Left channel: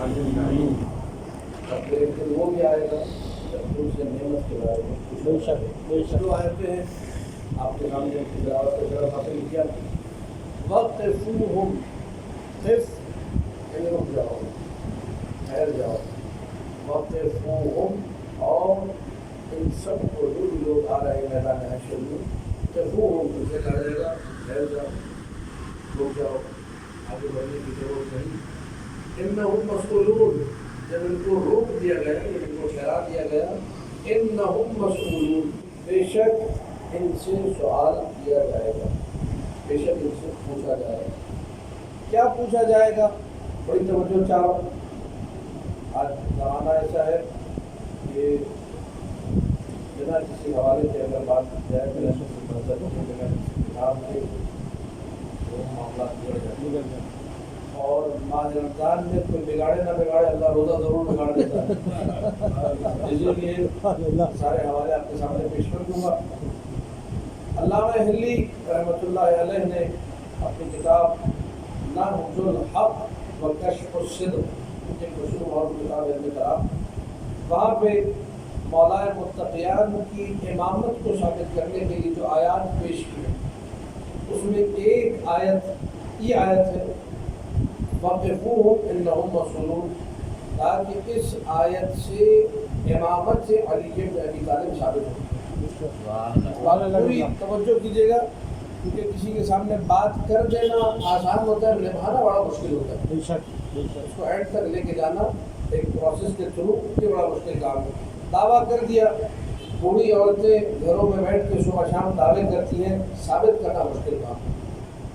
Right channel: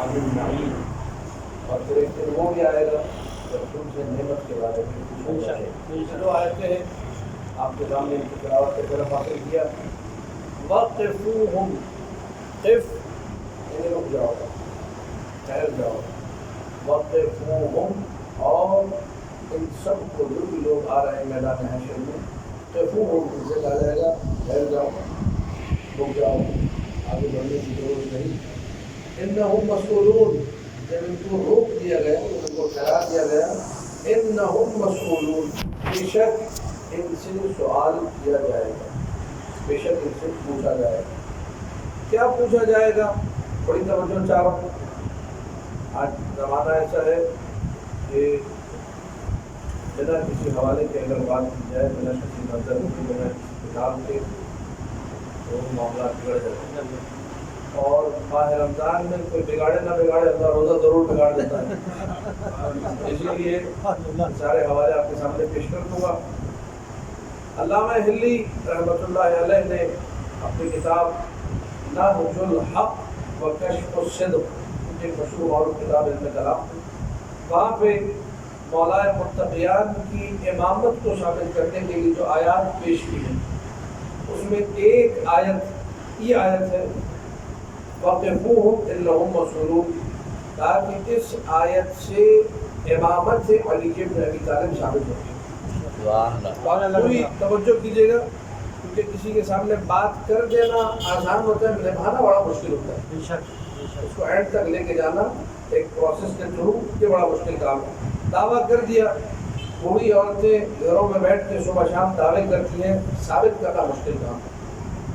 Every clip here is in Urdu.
عالم نعیم. اب ایک دن وہ بھی آئے گا جب تم سے نعمت کے بارے میں پوچھا جائے گا. جو آیتیں ہیں آپ کے سامنے ان کی تلاوت کی طرف حاصل کیا. وقفوہم، قف یعنی رک جاؤ، ٹھہر جاؤ. وقفوہم، اور ان سب کو جو بھی لوگ آ رہے ہیں میدان حشر میں، قفوہم ان سے کہا جائے گا ٹھہر جاؤ، رک جاؤ، آگے بڑھنے کی ضرورت نہیں. انہم مسئولون، جب ان کو روک دیا گیا، ان کو ٹھہرا دیا گیا، انہم مسئولون، بے شک ان سے سوال کیا جائے گا، بے شک ان سے پوچھا جائے گا. کیا پوچھا جائے گا؟ بڑی توجہ چاہ رہا ہوں. آج زمانہ ایسا ہے کہ بنا کسی حوالے کے اگر بات کی جائے، بنا کسی نظر کے، بنا کسی کتاب کے، تو معاملات بگڑ جاتے ہیں. اور ماہ رمضان میں کوئی بگاڑے نہ بگاڑے، اللہ روزہ ضرور بگاڑ دیتا ہے. اسی لیے سارے حوالے آپ کے سامنے پیش کر دوں گا. علامہ حلی رحمۃ اللہ علیہ نے اپنی کتاب نہج الحق و کشف الصدق، ایک مشہور اور کتاب علم کلام، وہاں پہ مولائے متقیان کی امامت کو ثابت کرنے کے لیے جو آیات پیش کی ہیں، اس میں ایک آیت یہ آیت ہے وقفوہم انہم مسئولون، تاکہ اس آیت سے امامت سے علی بن ابی طالب ثابت ہوتی ہے. پوری توجہ کیجیے گا، کیونکہ کسی کے سامنے بات کر دینا آسان ہوتا ہے، نبھانا بڑا مشکل ہوتا ہے. اس کو اینڈ تک لے کے جانا ایک پروسیس کے تھرو، یہ بڑا مشکل کام ہے. دعویٰ کر دیا، بوڑھی عورتیں گھروں میں بیٹھ کے صبح شام دعوے کرتی ہیں، ثابت کرنا مشکل کام ہے.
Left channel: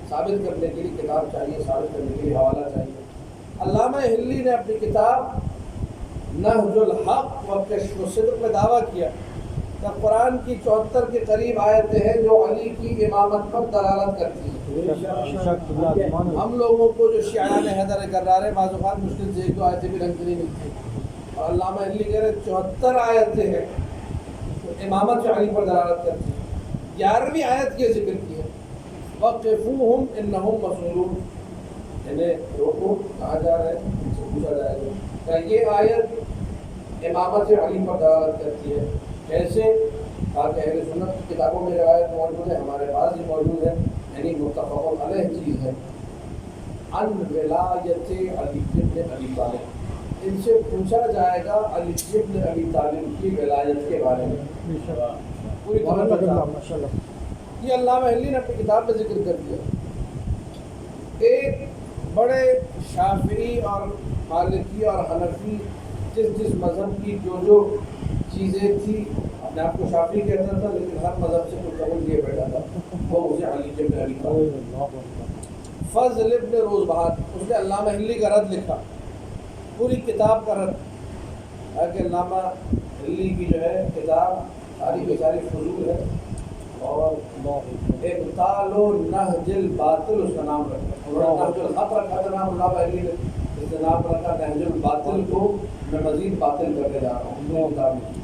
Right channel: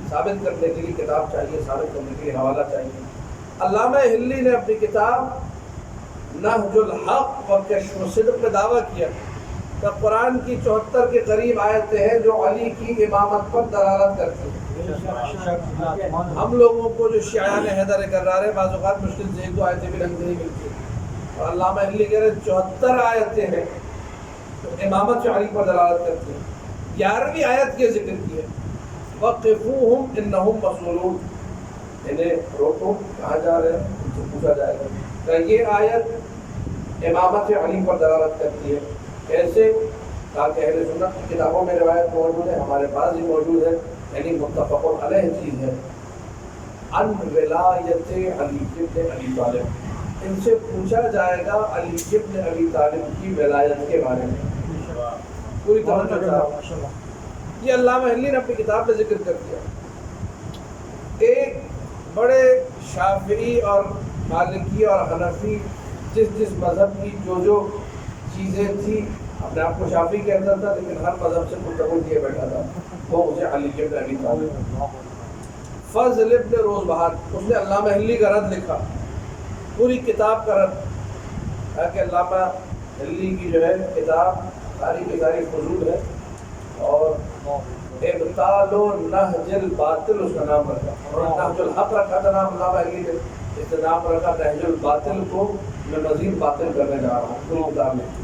ثابت کرنے کے لیے کتاب چاہیے، ثابت کرنے کے لیے حوالہ چاہیے. علامہ حلی نے اپنی کتاب نہج الحق و کشف الصدق میں دعویٰ کیا کہ قرآن کی 74 کے قریب آیتیں ہیں جو علی کی امامت پر دلالت کرتی ہیں. ہم لوگوں کو جو شیعان حیدر کرارے بعض اوقات مشکل سے ایک دو آیتیں بھی ڈھنگ سے نہیں ملتی، اور علامہ حلی کہہ رہے 74 آیتیں ہیں جو امامت سے علی پر دلالت کرتی ہیں. 11ویں آیت کی ذکر کی ہے وقفوہم انہم مسئولون، انہیں روکو، کہاں جا رہے ہیں، ان سے پوچھا جائے گا. کہ یہ آیت امامت علی پر دلالت کرتی ہے. کیسے؟ تاکہ اہل سنت کی کتابوں میں روایت موجود ہے، ہمارے پاس بھی موجود ہے، یعنی متفق علیہ چیز ہے. ان ولایت علی بن ابی طالب، ان سے پوچھا جائے گا علی بن ابی طالب کی ولایت کے بارے میں. پوری توجہ. یہ علامہ حلی نے اپنی کتاب میں ذکر کر دیا. ایک بڑے شافعی اور مالکی اور حنفی جس مذہب کی جو چیزیں تھی، اپنے آپ کو شافعی کہتا تھا لیکن ہر مذہب سے مستقل لیے بیٹھا تھا، وہ اسے علی بن ابی طالب. فضل ابن روزبہان، اس نے علامہ حلی کا رد لکھا، پوری کتاب کا رد. تاکہ علامہ حلی کی جو ہے کتاب ساری کی ساری فضول ہے، اور ابطال و نہج الباطل اس کا نام رکھا. نہج الحق رکھا تھا نام علامہ حلی نے، اس نے نام رکھا نہج الباطل کو میں مزید باطل کرنے جا رہا ہوں. پوری کتاب میں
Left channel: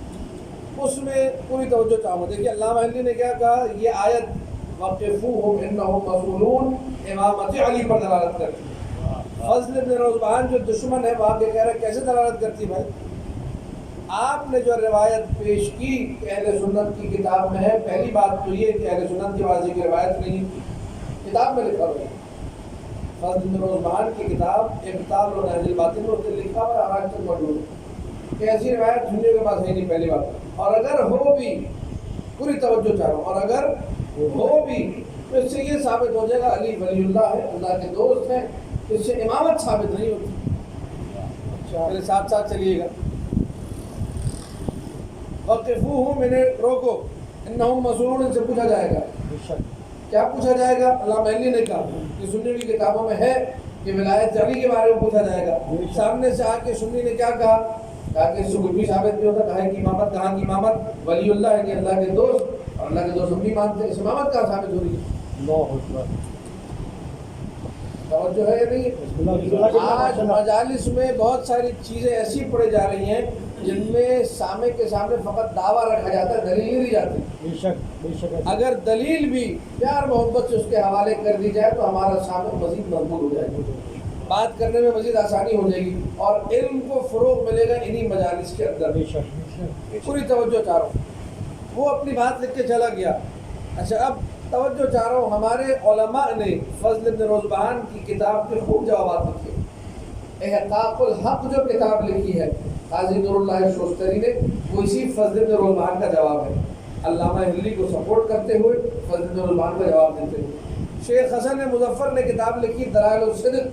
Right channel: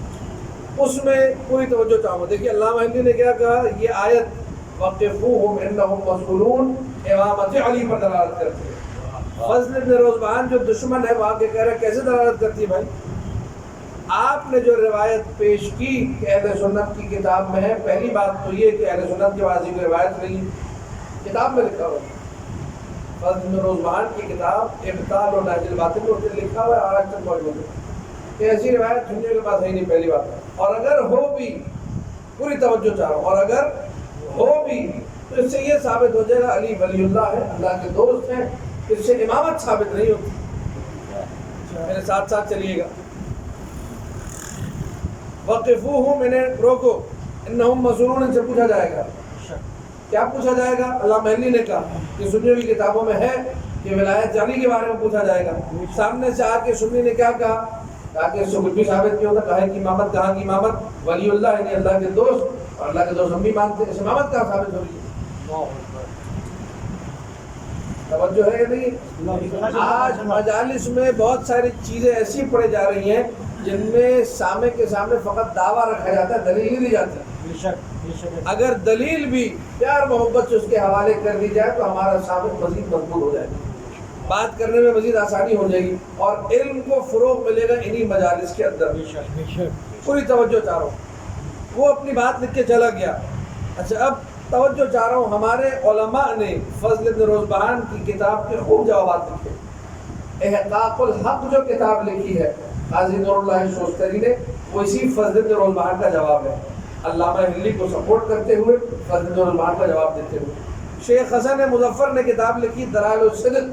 اس میں پوری توجہ چاہوں گا. دیکھیے علامہ حلی نے کیا کہا، یہ آیت وقفوہم انہم مسئولون امامت علی پر دلالت کرتی ہے. فضل ابن روزبہان جو دشمن ہے وہاں کے کہہ رہے کیسے دلالت کرتی ہے بھائی؟ آپ نے جو روایت پیش کی کہ اہل سنت کی کتاب میں ہے، پہلی بات تو یہ کہ اہل سنت کی واضح کی روایت نہیں، کتاب میں لکھا ہوا ہے. فضل بن روزبہان کی کتاب ابطال و نہج الباطل میں اسے لکھا ہوا ہے، آج تک موجود ہے کہ ایسی روایت دنیا کے پاس ہے نہیں. پہلی بات. اور اگر ہو بھی، پوری توجہ چاہ رہا ہوں، اور اگر ہو بھی تو اس سے یہ ثابت ہو جائے گا علی ولی اللہ ہے، اللہ کے دوست ہیں، اس سے امامت ثابت نہیں ہوتی. میرے ساتھ ساتھ چلیے گا. وقفوہم، انہیں روکو، انہم مسئولون، ان سے پوچھا جائے گا. کیا پوچھا جائے گا؟ علامہ حلی نے کہا کہ سنی کی کتابوں میں ہے کہ ولایت علی کے بارے میں پوچھا جائے گا. سامنے سے آ کے سنی نے کیا کہا؟ کہا کہ اس سے کچھ بھی ثابت نہیں ہوتا. کہا کہ امامت، کہاں کی امامت؟ ولی اللہ یعنی اللہ کے دوست، اور اللہ کے دوست ہم بھی مانتے ہیں، اس امامت کہاں ثابت ہو رہی ہے؟ توجہ ہے یا نہیں؟ آج مجالس میں بہت ساری چیزیں ایسی پڑھی جا رہی ہیں جن میں سامع کے سامنے فقط دعویٰ رکھا جاتا ہے، دلیل نہیں دی جاتی. اگر دلیل بھی پیار محبت سے اس کے حوالے کر دی جائے تو ہمارا سامع مزید مضبوط ہو جائے گا. بات کرنے میں مزید آسانی ہو جائے گی اور علم کو فروغ ملے گا انہی مجالس کے اندر. پوری توجہ چاہ رہا ہوں. وہ اپنی بات لکھ کے چلا گیا. اچھا اب توجہ چاہ رہا ہوں, ہمارے علماء نے فضل بن روزبہان کی کتاب کے خوب جوابات لکھے. احقاق الحق جو کتاب لکھی ہے قاضی نور اللہ شوستری نے, وہ اسی فضل بن روزبہان کا جواب ہے. علامہ ہلی کو سپورٹ کرتے ہوئے, فضل بن روزبہان کا جواب دیتے ہوئے. شیخ حسن مظفر نے کتاب لکھی دلائل الصدق,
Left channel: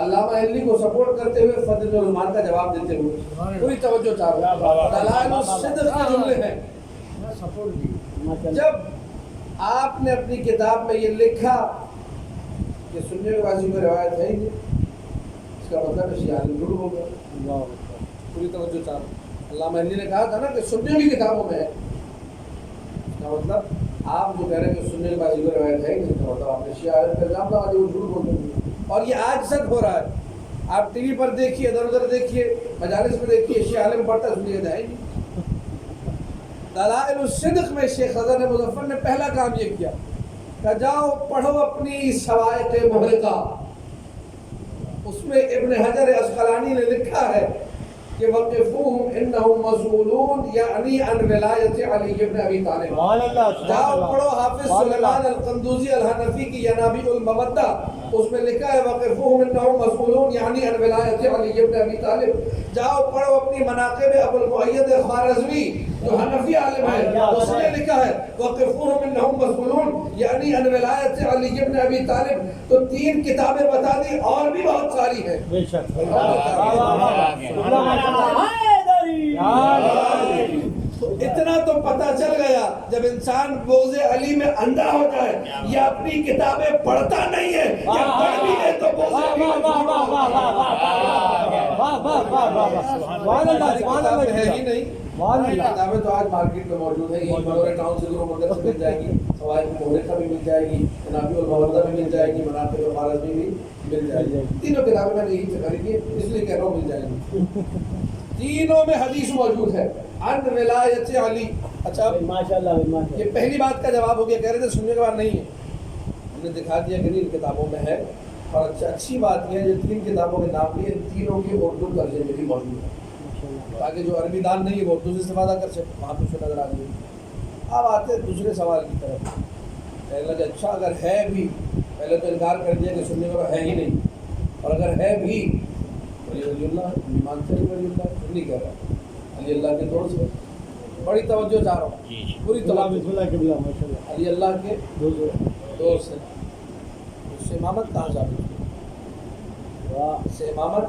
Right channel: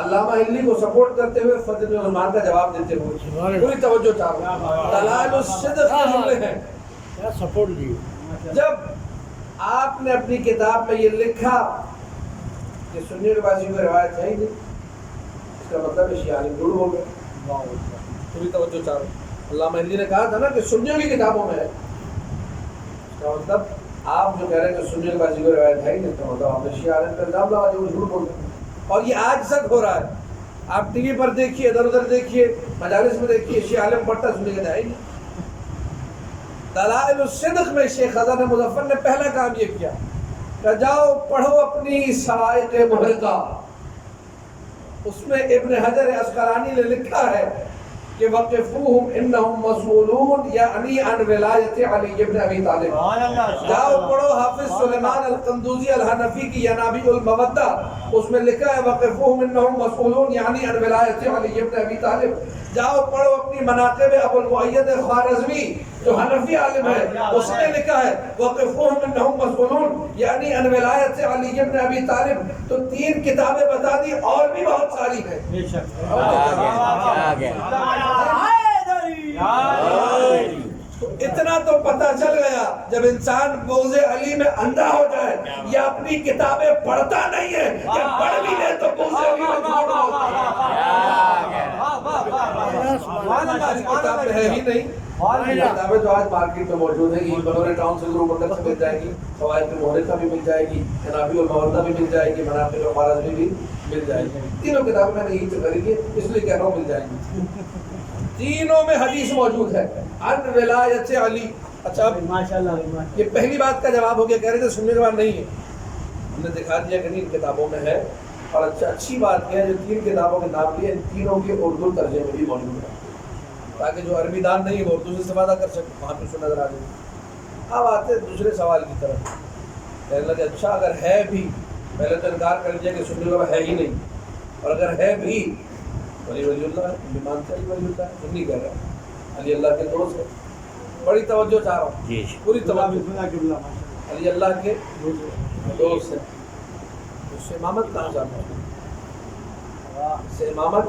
علامہ ہلی کو سپورٹ کرتے ہوئے, فضل بن روزبہان کا جواب دیتے ہوئے. پوری توجہ چاہ رہا ہوں. دلائل الصدق کے جملے ہیں. جب آپ نے اپنی کتاب میں یہ لکھا کہ سنی بازی کو روایت ہے ہی نہیں, اس کا مطلب ہے شیعہ جھوٹ ہو گئے. پوری توجہ چاہ رہا ہوں. علامہ ہلی نے کہا تھا نا کہ سنیوں کی کتابوں میں ہے, اس کا مطلب آپ جو کہہ رہے ہیں کہ سنی بازی کو روایت ہے ہی نہیں, تو مطلب آپ نے شیعہ عالم کا الزام لگا دیا وہ جھوٹ بول رہے. اور یہ آج تک ہو رہا ہے. آپ ٹی وی پر دیکھیے, ادھر ادھر دیکھیے, مجالس میں دیکھیے, شیعہ عالم پڑھتا سنی کہتا ہے ہی نہیں. دلائل الصدق میں شیخ حسن مظفر نے پہلا کام یہ کیا کہ جاؤ پڑھو اپنی سوائق محرقہ. اس میں ابن حجر عسقلانی نے لکھا ہے کہ وقفوہم انہم مسئولون یعنی عن ولایت علی ابن ابی طالب. جاؤ پڑھو حافظ سلیمان القندوزی الحنفی کی ینابیع المودہ, اس میں لکھا ہے وقفوہم انہم مسئولون یعنی عن ولایت علی ابن ابی طالب. جاؤ پڑھو اپنی مناقب ابو المؤید خوارزمی جو حنفی عالم ہے, اس نے لکھا ہے وقفوہم انہم مسئولون یعنی عن ولایت علی ابن ابی طالب. تو 3 کتابیں بتا دی, اور بھی بہت ساری ہیں. اتنا تو پتہ چل گیا جب انسان بغض علی میں اندھا ہو جائے, یا اپنی کتابیں پڑھتا نہیں ہے, یا پڑھ بھی لے تو بغض علی میں کتابیں ہے ہی نہیں. کتابیں تو آج مارکیٹ میں موجود ہیں. یہ بلورے ٹاؤن سے گروپ اندر سے مل جائے گی, فوائد محرقہ بھی مل جائے گی, ینابیع المودہ بھی مل جائے گی, مناقب خوارزمی بھی مل جائے گی. تینوں کتابیں میں نے یہی سے خریدی, اس لیے کہہ رہا ہوں مل جائیں گی. تینوں میں حدیث موجود ہے ان ولایت علی. اچھا ماشاءاللہ, یہ پہلی بات کا جواب ہو گیا. کہہ رہے تھے سننے کے بعد نہیں ہے, ہم نے دکھا دیا کہ ان کتابوں میں ہے. اور اچھی بات یہ ہے جو 3 کتابوں کے نام لیے, ان تینوں کے اردو ترجمے بھی موجود ہیں, تاکہ جو عربی دان نہیں ہے وہ اردو سے استفادہ کر سکے. وہاں پہ نظر آ جائے. اب آتے دوسرے سوال کی طرف. کہنے لگے اچھا اگر ہے بھی, پہلے تو انکار کر دیا کہ سننے کے بعد ہے ہی نہیں, اور اگر ہے بھی ولی اللہ ہے, یہ مانتے ہیں ولی اللہ ہے, سنی کہہ رہا ہے علی اللہ کے دوست ہے. بڑی توجہ چاہ رہا ہوں, پوری توجہ. علی اللہ کے دوست ہے. اس سے امامت کہاں ثابت ہوئی؟ اس سے امامت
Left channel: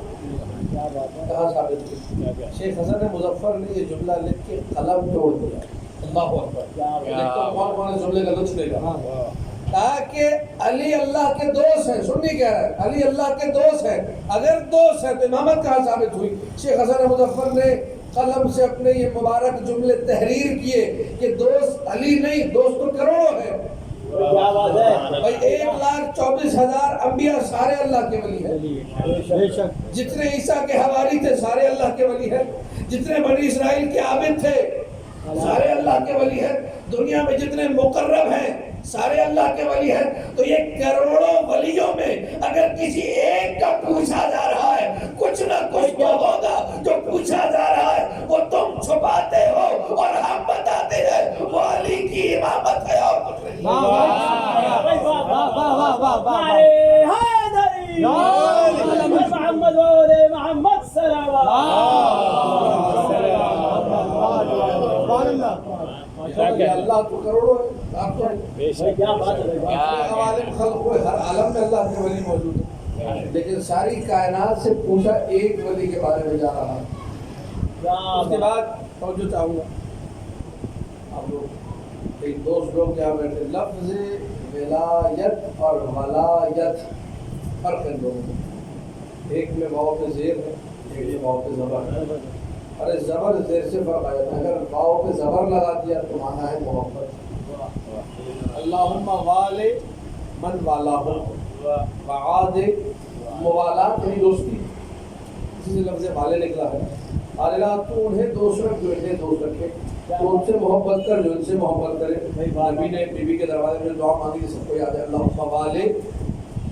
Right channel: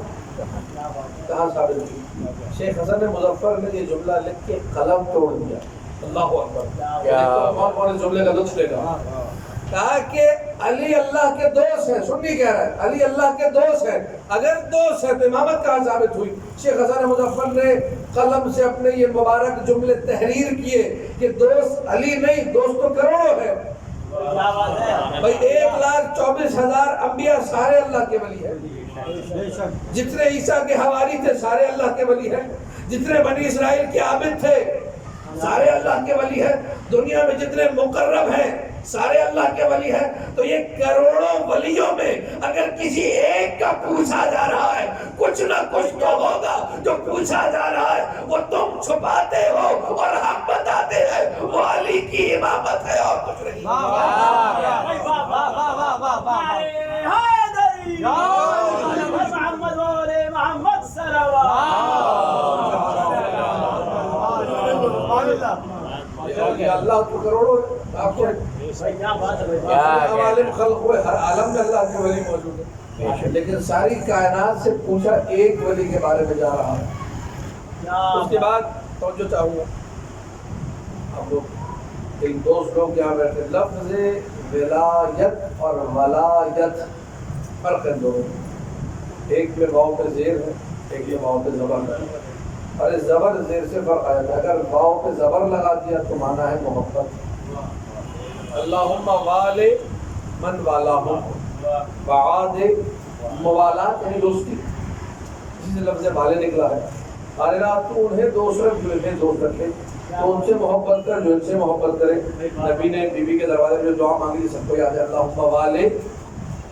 کہاں ثابت ہوئی؟ شیخ حسن مظفر نے یہ جملہ لکھ کے قلم توڑ دیا. اللہ اکبر. کون اس جملے کا لطف لے گا؟ کہا کہ علی اللہ کے دوست ہیں. سنی کہہ رہا ہے علی اللہ کے دوست ہیں. اگر دوست ہے تو امامت کہاں ثابت ہوئی؟ شیخ حسن مظفر نے قلم سے اپنے یہ مبارک جملے تحریر کیے کہ دوست علی نہیں, دوست تو کروڑوں ہے. بھائی 1,24,000 انبیاء سارے اللہ کے ولی ہیں. جتنے عیسیٰ کے حواری تھے سارے اللہ کے ولی ہیں. جتنے بنی اسرائیل کے عابد تھے سارے اللہ کے ولی ہیں. دنیا میں جتنے مقرب ہیں سارے اللہ کے ولی ہیں. تو یہ کروڑوں ولیوں میں اگر کسی ایک کا پوچھا جا رہا ہے, کچھ نہ کچھ تو ہوگا جو پوچھا جا رہا ہے. وہ تم چھپاتے ہو اور ہم بتاتے ہیں وہ علی کی امامت ہے اور کچھ نہیں. اللہ تو کروڑوں ہے. آپ کو عوالم خلق ہوئے, ہر عالم میں اللہ کے ولی موجود ہے, لیکن ساری کائنات سے پوچھا ایک ولی کے بارے میں جا رہا ہے. اس کے بعد توجہ چاہوں گا, ہم لوگ ایک دوست لوگ یہاں بیٹھے. لفظ ولایت اور ولایت فرق ہے دونوں میں. ایک میں واو پہ زیر ہے, ایک میں واو پہ زبر ہے. اور اس زبر زیر سے فرق آ جاتا ہے. اگر واو پہ زبر لگا دیا تو مانا ہے محبت. اللہم والے من والاہم, وعاد موالات یعنی دوستی, اسی سے لفظ والے نکلا ہے. حالات تو انہیں دوست رکھ جو انہیں دوست رکھے, تو ان سے محبت کر جو ان سے محبت کرے. نبی نے بی بی کے دروازے میں دعا مانگی, سب کو یاد ہے, اللہم والے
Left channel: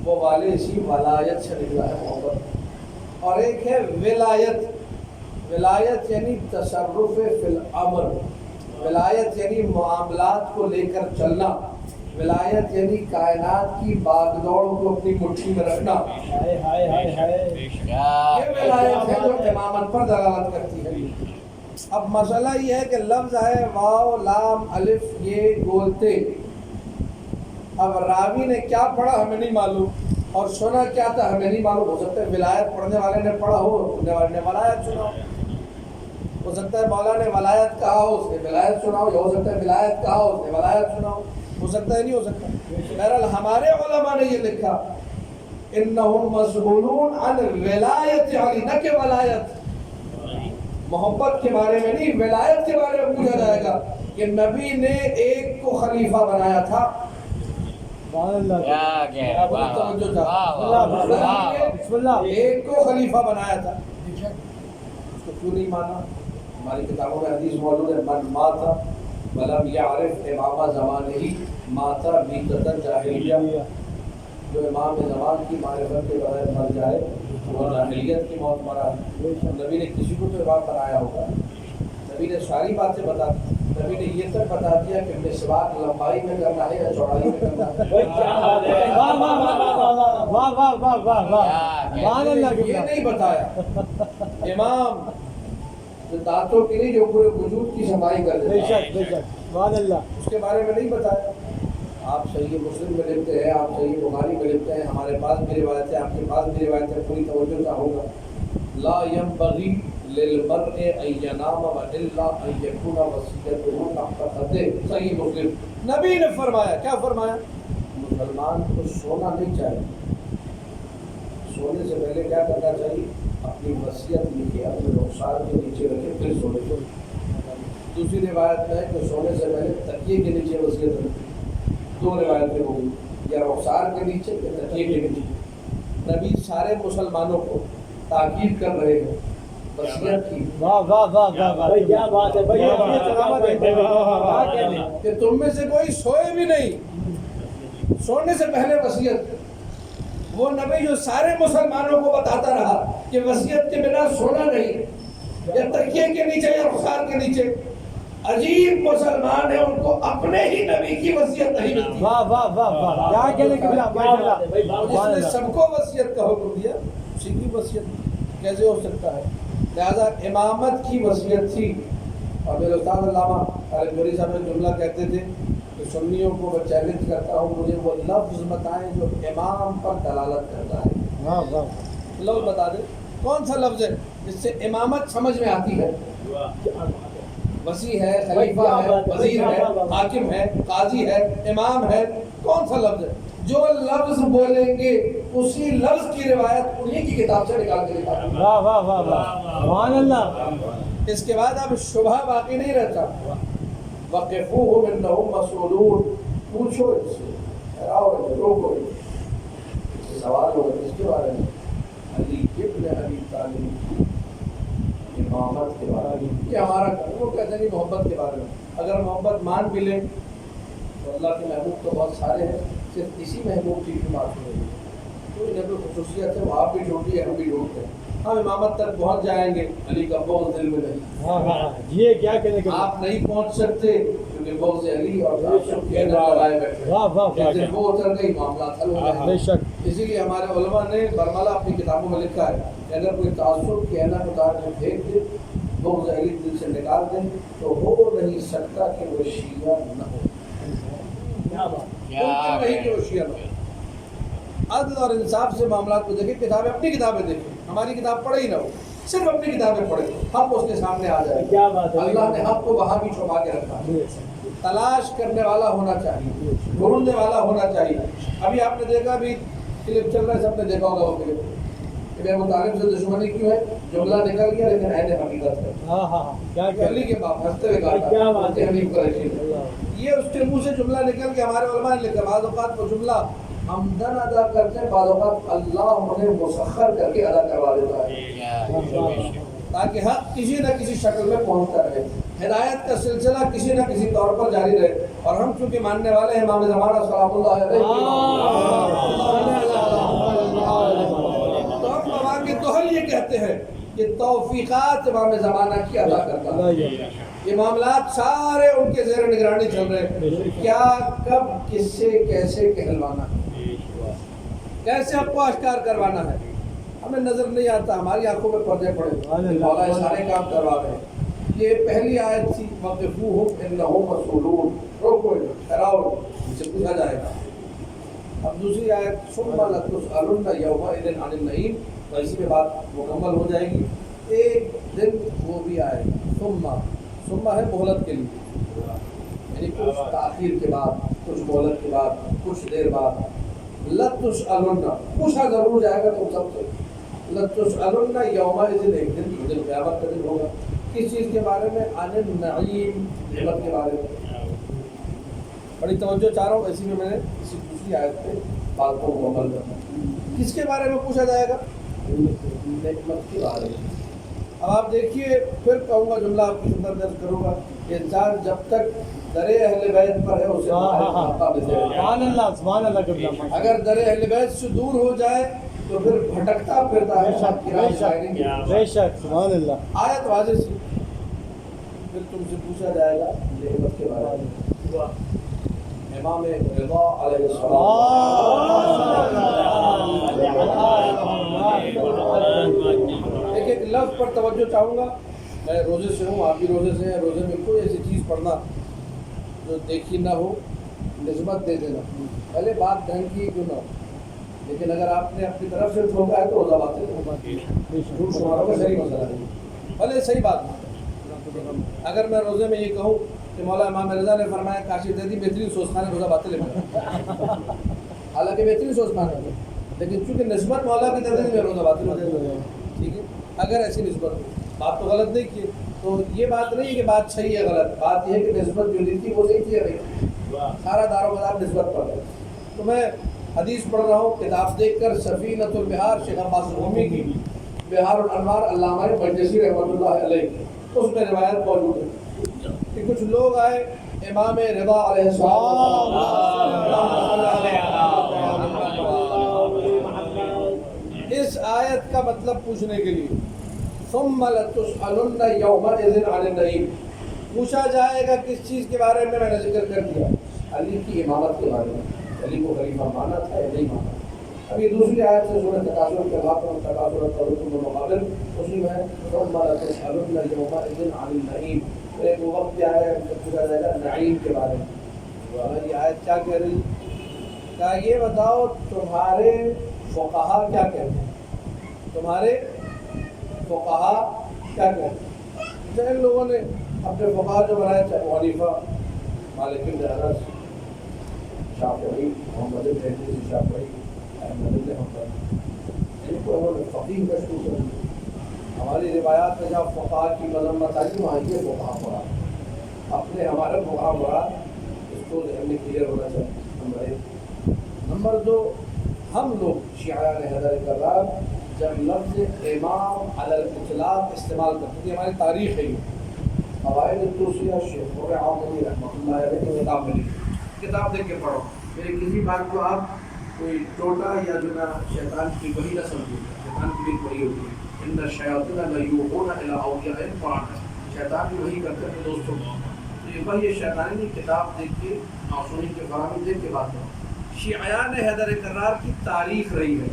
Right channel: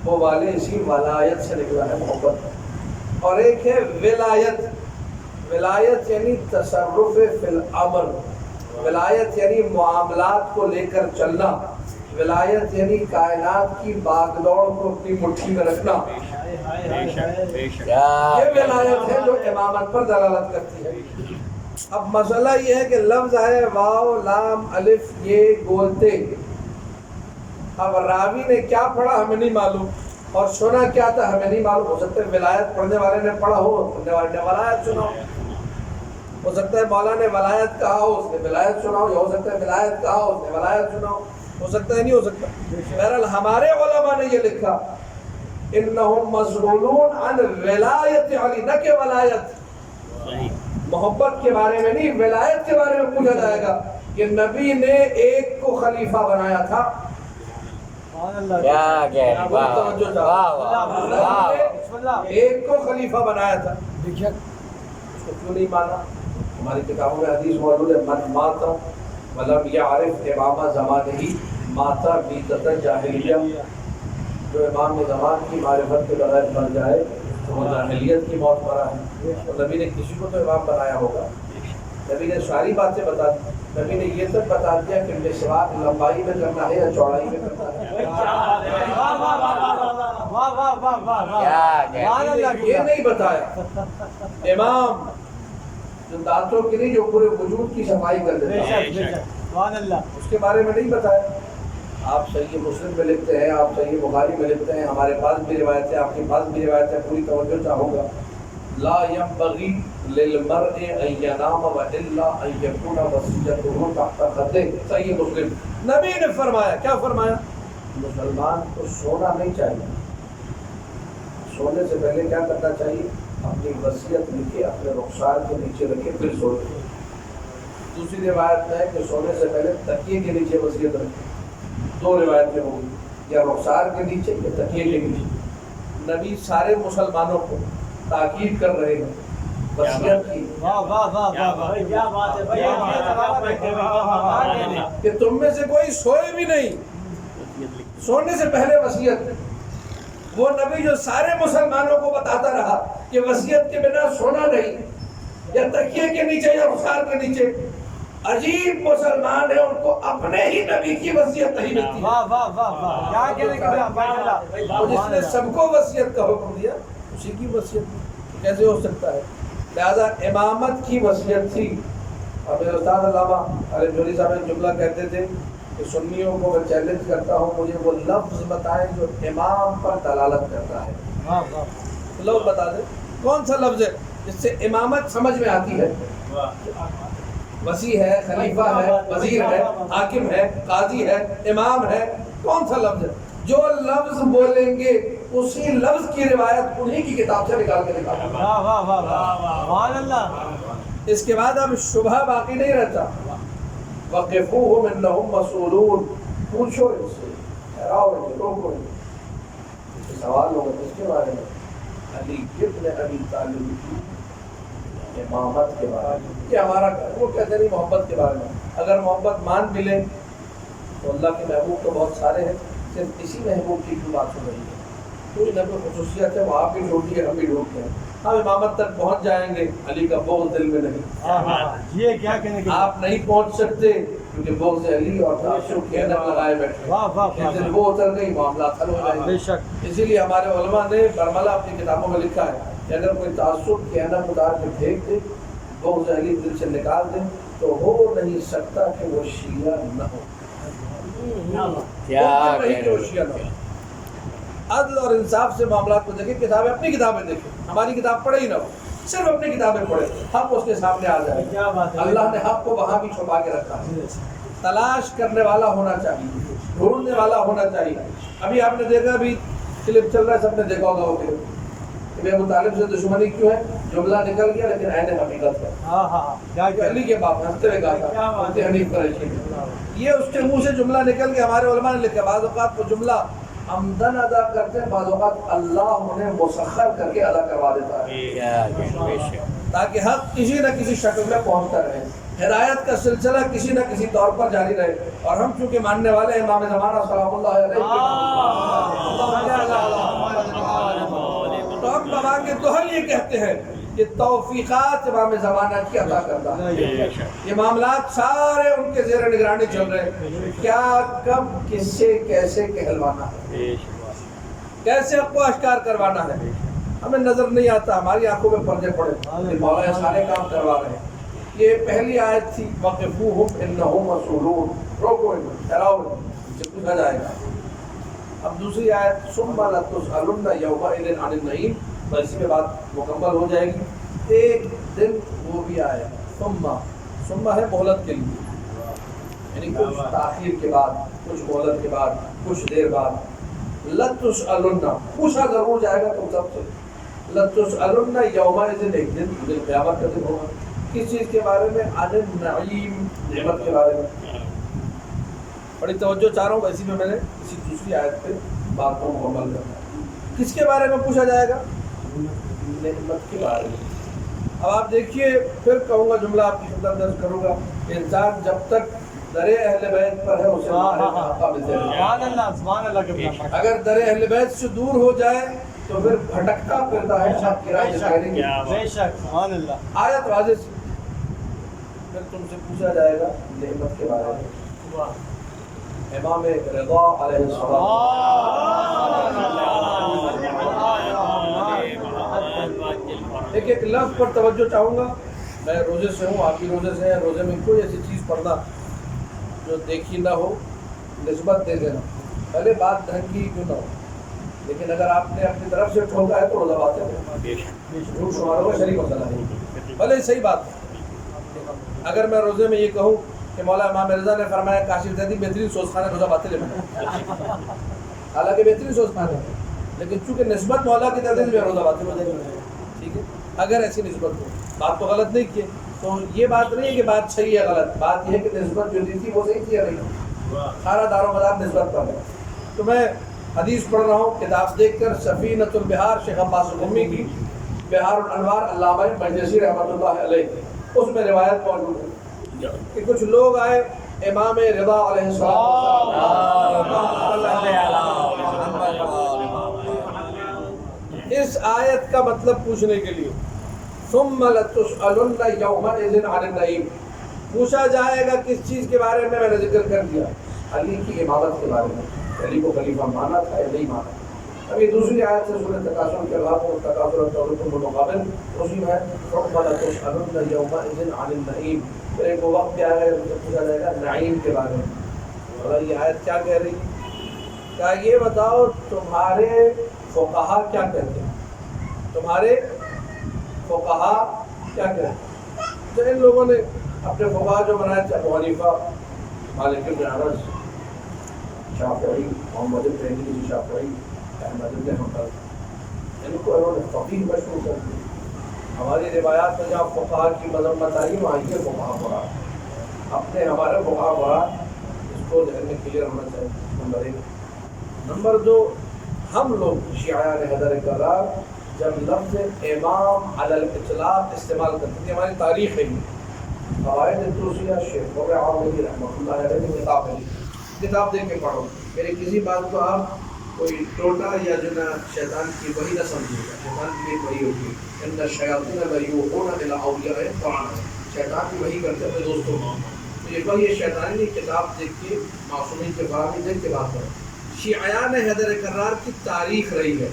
وہ والے اسی ولایت سے نکلا ہے محبت. اور ایک ہے ولایت. ولایت یعنی تصرف فی الامر. ولایت یعنی معاملات کو لے کر چلنا. ولایت یعنی کائنات کی باغ دوڑ کو اپنی مٹھی میں رکھنا. یہ ولایت ہے جو امامت پر دلالت کرتی ہے. اب مسئلہ یہ ہے کہ لفظ ہے واو لام الف یہ گولتے. اب راوی نے کیا پڑھا ہمیں نہیں معلوم اور سنا کیا تھا ہمیں نہیں معلوم. ہو سکتا ہے ولایت پڑھنے والے نے پڑھا ہو, سننے والے نے ولایت سنا ہو سکتا ہے مولا نے ولایت کہا ہو اس نے ولایت سنا ہو سکتا ہے ولایت کہا ہو اس نے ولایت سنا ہو سکتا ہے نہیں ہو سکتا. بہرحال ہمارے علماء نے یہ لکھا انہم مسئولون عن ولایت علی, نہ کہ ولایت. محبت کے بارے میں نہیں, ولایت کے بارے میں پوچھا جائے گا کہ نبی نے ایک کو خلیفہ بنایا تھا. ایک کو خلیفہ بنایا تھا, اس کو کیوں نہیں مانا؟ ہماری کتابوں میں حدیث موجود ہے من مات ولم یعرف امام زمانہ ماتا بیتۃ جاہلیہ. جو امام زمان کی معرفت کے بغیر مر جائے تو وہ جاہلیت کی موت مرا ہے. تو نبی نے کسی کو تو امام بنایا ہوگا. نبی نے ساری باتیں بتا دی. نبی نے یہ تک بتا دیا کہ مسواک لمبائی میں کرنا ہے یا چوڑائی میں کرنا ہے. یہ نہیں بتایا. امام جو دانتوں کی نہیں, جو پورے وجود کی صفائی کر دیتا ہے, اس کے بارے میں نہیں بتایا. آپ صحیح مسلم میں لکھتے ہیں, آپ صحیح بخاری میں لکھتے ہیں, ہمارے پاس بھی روایت ہے, آپ کے پاس بھی روایت ہے, پوری توجہ چاہوں گا. لا ينبغي للمرء ان ينام والا ان يكون وصيته تحت خده. صحیح مسلم. نبی نے فرمایا, کیا فرمایا؟ مسلمان کو سونا نہیں چاہیے. سونے سے پہلے کیا کرنا چاہیے؟ اپنی وصیت لکھے, اپنے رخسار کے نیچے رکھے, پھر سونے. دوسری روایت میں ہے کہ سونے سے پہلے تکیے کے نیچے وصیت رکھے. دو روایتیں ہو گئی, یا رخسار کے نیچے یا تکیے کے نیچے. نبی سارے مسلمانوں کو تاکید کر رہے ہیں وصیت کی کہ تم میں سے کوئی سوئے بھی نہیں, سونے سے پہلے وصیت. وہ نبی جو سارے مسلمانوں کو بتاتا رہا کہ وصیت کے بنا سونا نہیں, یا تکیے کے نیچے یا رخسار کے نیچے. عجیب مسلمان ہے, ان کو اپنے ہی نبی کی وصیت نہیں ملتی. جس نے سب کو وصیت کا حکم دیا اسی کی وصیت کیسے ہو سکتا ہے؟ لہذا امامت کی وصیت تھی. اور میرے استاد علامہ علی جوہری صاحب ایک جملہ کہتے تھے کہ سنیوں کو میں چیلنج کرتا ہوں, مجھے وہ لفظ بتائیں جو امام پر دلالت کرتا ہے. لفظ بتا دیں, کون سا لفظ ہے جس سے امامت سمجھ میں آتی ہے؟ وسیع ہے, خلیفہ ہے, وزیر ہے, حاکم ہے, قاضی ہے, امام ہے. کون سا لفظ ہے؟ جو لفظ بولیں گے اسی لفظ کی روایت انہی کی کتاب سے نکال کے دکھا. اس کے بعد اب شبہ باقی نہیں رہتا. وقفوہم انہم مسئولون. پوچھو ان سے, حیراؤ انہیں, روکو انہیں. اس سے سوال ہوگا اس کے بارے میں, علی ابن ابی طالب امامت کے بارے میں. یہ ہمارا وہ کہتے نہیں محبت کے بارے میں. اگر محبت مان بھی لیں تو اللہ کے محبوب تو بہت سارے ہیں, صرف اسی محبوب کی کیوں بات ہو رہی ہے؟ کوئی نہ کوئی خصوصیت ہے, وہ آپ بھی ڈھونڈی ہے, ہم بھی ڈھونڈتے ہیں. ہم امامت تک پہنچ جائیں گے, علی کا بغض دل میں نہیں. یہ کیا کہنے کے آپ نہیں پہنچ سکتے کیونکہ بغض علی اور تعصب کی عینت لگائے بیٹھے. جب وہ اتر گئی معاملات حل ہو جائیں گے. اسی لیے ہمارے علماء نے برملہ اپنی کتابوں میں لکھا ہے کہ اگر کوئی تعصب کی عینت اتار کے پھینک دے, بغض علی دل سے نکال دیں, تو ہو نہیں سکتا کہ وہ شیعہ نہ ہو. نہیں کہ وہ شیعہ نہ ہو. عدل اور انصاف سے معاملات کو دیکھیں. کتابیں, اپنی کتابیں دیکھیں, ہماری کتاب پڑھے ہی نہ ہو, صرف اپنی کتابیں پڑھیں. حق اس کے سامنے آ جائے. اللہ نے حق کو وہاں بھی چھپا کے رکھا ہے. تلاش کرنے والا ہونا چاہیے, ڈھونڈنے والا ہونا چاہیے. ابھی آپ نے دیکھا, ابھی کلپ چل رہا ہے, سب نے دیکھا ہوگا وہ کلپ کہ ابو طالب سے دشمنی کیوں ہے. جملہ نکل گیا لیکن عین حقیقت ہے. علی کے باپ ہنستے ہوئے کہا, یہ اس کے منہ سے جملہ نکل کے ہمارے علماء نے لکھا. بعض اوقات وہ جملہ عمدن ادا کرتے ہیں, بعض اوقات اللہ انہیں مسخر کر کے ادا کروا دیتا ہے تاکہ حق کسی نہ کسی شکل میں پہنچتا رہے, ہدایت کا سلسلہ کسی نہ کسی طور پر جاری رہے. اور ہم چونکہ ماننے والے ہیں امام زمانہ سلام اللہ علیہ تو ہم بابا کے دوہر یہ کہتے ہیں کہ توفیقات امام زمانہ کی عطا کرتا ہے. یہ معاملات سارے ان کے زیر نگرانی چل رہے ہیں. کیا کب کس سے کیسے کہلوانا ہے, کیسے حق کو اشکار کروانا ہے, ہمیں نظر نہیں آتا. ہماری آنکھوں میں پردے پڑے, مولا یہ سارے کام کروا رہے ہیں. یہ پہلی آیت تھی وقفوہم انہم مسئولون, روکو انہیں, ٹھہراؤ ان سے پوچھا جائے گا. اب دوسری آیت ثم لتسألن یومئذ عن النعیم, اسی کے بعد مکمل ہو جائے گی. ایک دن وہ بھی آئے گا. ثم ہے مہلت کے لیے, یعنی کچھ تاخیر کے بعد, کچھ مہلت کے بعد, کچھ دیر بعد. لتسألن, پوچھا ضرور جائے گا تم سب سے. لتسألن یومئذ, ایک دن قیامت کا دن ہوگا. کس چیز کے بارے میں؟ عن النعیم, نعمت کے بارے میں. بڑی توجہ چاہ رہا ہوں, اسی میں نے کسی دوسری آیت پہ بات کو مکمل کرنا. کس کے بارے میں پوچھا جائے گا؟ نعمت کے بارے میں. اب آپ دیکھیے, پھر کہوں گا جملہ آپ کی خدمت درج کروں گا. انسان جب تک در اہل بیت پر ہے اسے سبحان اللہ اگر در اہل بیت سے دور ہو جائے تو پھر بھٹکتا پھرتا ہے. بے شک سبحان اللہ. آیت واضح سی. پھر تم سے پوچھا جائے گا نعمت کے بارے میں. امام رضا علیہ السلام ایک لفظ پر توجہ چاہوں گا. میں روزے سے ہوں, آپ بھی روزے سے ہیں. روزے میں کوئی ایسی چیز پڑھنا جو دیکھی نہ ہو, نسبت دے دینا. پہلے بات ڈھنگ کی کیوں نہ ہو, لیکن اگر آپ نے اپنی طرف سے ٹھوکا ہے تو روزہ باطل ہے. جھوٹ شماروں کا شریک مسئلہ ہے. بھلے صحیح بات ہے. اگر میں روزے میں یہ کہوں کہ مولا امام رضا نے فرمایا کاشف دے دی, بہترین سوز خانے, روزہ باطل ہے. حالانکہ بہترین سوز خانے ہے, لیکن چونکہ نسبت مولا کی دے دی میں روزہ باطل ہو جائے گا. ٹھیک ہے, اگر ایسی نسبت ہو, بات تو غلط نہیں کی, تو یہ بات نہیں ہے کہ بات صحیح ہے غلط. بات یہ ہے کہ نسبت جو دی تھی وہ صحیح تھی یا نہیں. سارا دار و مدار نسبت پر ہے. تو میں حدیث پڑھ رہا ہوں, کتاب دیکھ کر سفینۃ البحار شیخ عباس القمی کی, بحار الانوار علامہ مجلسی رحمۃ اللہ علیہ, اس میں روایت موجود ہے کہ کچھ لوگ آئے امام رضا علیہ السلام. اس آیت کا مطلب پوچھنے کے لیے ثم لتسألن یومئذ عن النعیم, پوچھا جائے گا کس چیز کے بارے میں نے ذکر کر دیا, علی کی امامت کے بارے میں. علی کو خلیفہ مانا تھا یا نہیں مانا. اب یہ دوسری آیت سے سورہ تکاثر کے بعد تکاثر اور مقابل اسی میں ثم لتسألن یومئذ عن النعیم. پھر ایک وقت کیا ہے پوچھا جائے گا نعیم کے بارے میں. یہ آیت کیا کہہ رہی ہے؟ کیا یہ بتاؤ تمہارے فقہا کیا کہتے ہیں, تمہارے فقہا کیا کہتے ہیں. تو ان لوگوں نے اپنے فقہا جو بنائے تھے, ابو حنیفہ, مالک بن انس, شافعی, محمد بن ادریس شافعی, احمد بن حنبل, ان کو انہوں نے فقیہ مشہور کر دیا. ہماری روایات میں جہاں فقہا کی مذمت آئی وہاں یہ فقہا پڑھا. اپنے ہمارے فقہا پڑھا, اس کو ذہن میں کلیئر ہونا چاہیے. نمبر 1. نمبر 2, ہم لوگ شیعیان حیدر کرار جب لفظ امام علی الاطلاق استعمال کرتے تھے, ہماری تاریخ ہے. یہ قواعد توصیہ شیخ عامری رحمۃ اللہ علیہ کی کتاب میں لکھی. کتاب دیکھ کے پڑھو. میری کسی بات کو آپ کوئی ٹوٹا یا جو نا شیطان کی وحی نہ سمجھیے گا. شیطان کی بھی وحی ہوتی ہے. ان الشیاطین لیوحون الی اولیائہم فاعلم, شیطان بھی وحی کرتے ہیں دوستوں کو. تو یہ وحی شیطانی نہیں, کتاب دیکھ کے معصومین کے فراہمی دیکھ کے بات کرو. شیعیان حیدر کرار کی تاریخ رہی ہے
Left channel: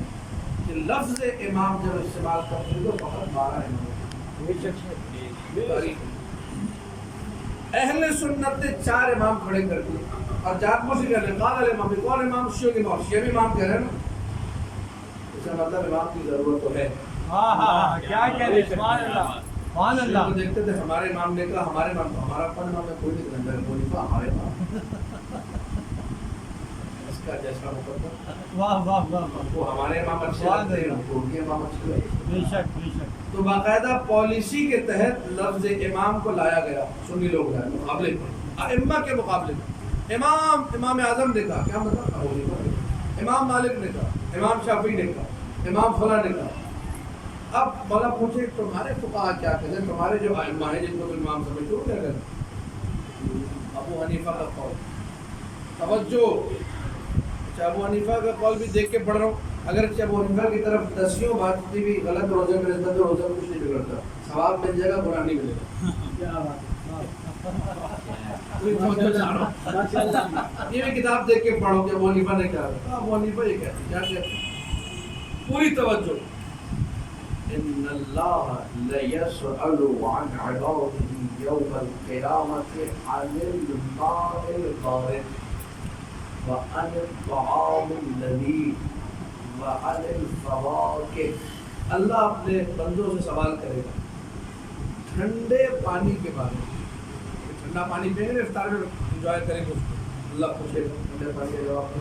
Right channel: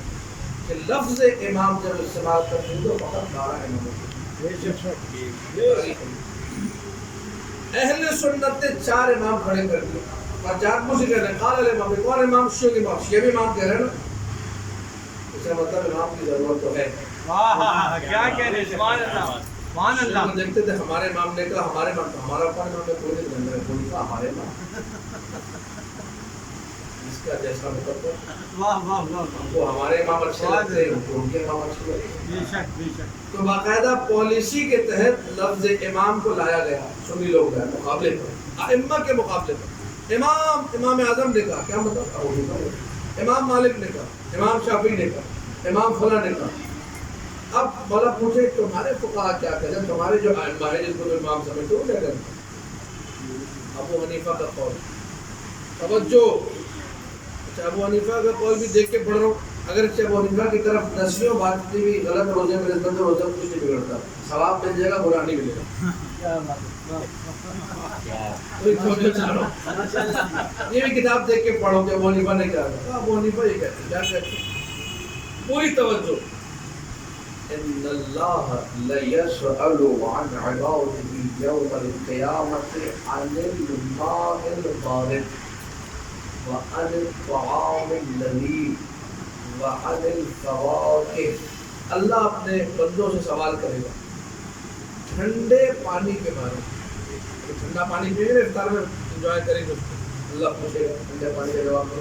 کہ لفظ امام جب استعمال کرتے ہیں تو فقط 12 امام ہوتے ہیں. اہل سنت نے 4 امام کھڑے کر دیے اور جات مجھ سے کہہ رہے ہیں قال الامام. کون امام؟ شیعہ کے امام. شیعہ بھی امام کہہ رہے ہیں نا, اس کا مطلب امام کی ضرورت تو ہے. کیا کہہ رہے ہیں, سبحان اللہ سبحان اللہ. دیکھتے تھے ہمارے امام نے کہا, ہمارے امام, ہمارا اپنا امام ہے کوئی نہیں, کوئی نہیں کہا ہمارے امام. اس کا جیسا مقدر واہ واہ واہ, وہ ہمارے امام اچھے لگتے ہیں, ان کے امام اچھے لگتے ہیں. بے شک بے شک. تو باقاعدہ پالیسی کے تحت لفظ امام کو لایا گیا. سنی لوگ ہیں مقابلے پر, ائمہ کے مقابلے پر. امام اعظم نے کہا, کیا مطلب؟ ابو حنیفہ نے کہا, امام مالک نے کہا, امام شافعی نے کہا, امام فلاں نے کہا. اب مولا پوچھے تمہارے فقہا کیا کہتے ہیں, تمہارے جو ائمہ ہیں جن کو تم امام سمجھتے ہو کیا کہتے ہیں؟ ابو حنیفہ کا قول توجہ. اچھا ابو حنیفہ کا قول بھی دیکھ کے پڑھ رہا ہوں. اگر ابو حنیفہ کی طرف دسیوں باتیں بھی غلط روزے میں نسبت روزے کچھ نہیں بگڑتا, ثواب مل جائے گا, برا نہیں ملے گا. یہ بھی کتاب دیکھ کے پڑھو کہ ابو حنیفہ نے کیا کہا. ابو حنیفہ یہ کہتے ہیں, کیا کہتے ہیں, پوری توجہ. ان اللہ لیسأل عن عباده یوم القیامت عن الماء البارد وعن الطعام الذی وعن الفواکہ. اللہ اپنے بندوں سے سوال کرے گا ٹھنڈے پانی کے بارے میں. ٹھنڈا پانی پئیں گے افطار میں انجوائے کریں گے, اللہ پوچھے گا ٹھنڈے پانی کا جواب دو.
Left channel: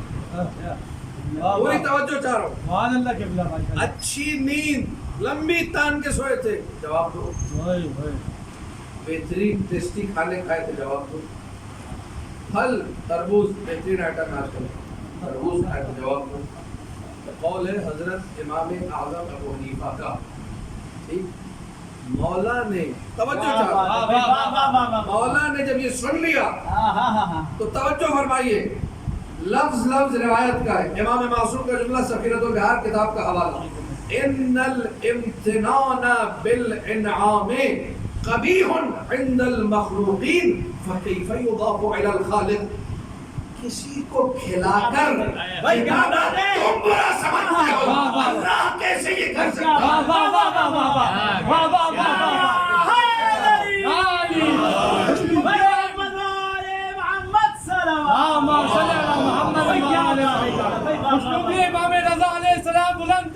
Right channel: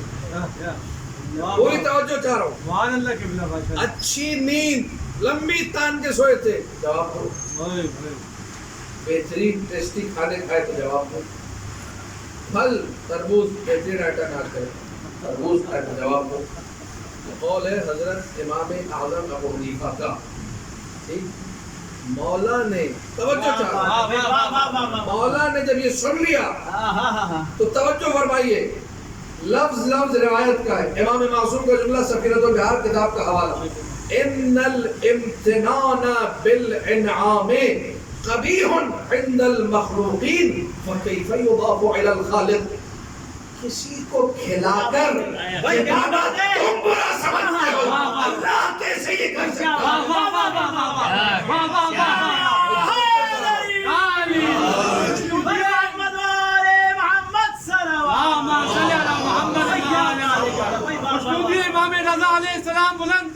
پوری توجہ چاہ رہا ہوں. سبحان اللہ قبلہ. اچھی نیند, لمبی تان کے سوئے تھے, جواب دو. بہترین ٹیسٹی کھانے کھائے تو جواب دو. پھل تربوز بہترین آئٹم آج کرے, تربوز کھائے تو جواب دو. قول ہے حضرت امام اعظم ابو حنیفہ کا. ٹھیک, مولا نے توجہ چاہا, مولا نے جب یہ سن لیا تو توجہ فرمائیے, لفظ لفظ روایت کا ہے. امام معصوم کا جملہ سفینۃ البحار کتاب کا حوالہ. ان الامتنان بالانعام قبیح عند المخلوقین فکیف یضاف الی الخالق. کسی کو کھلا کر جتانا تم برا سمجھتے ہو, اللہ کیسے یہ کر سکتا امام رضا علیہ السلام بلند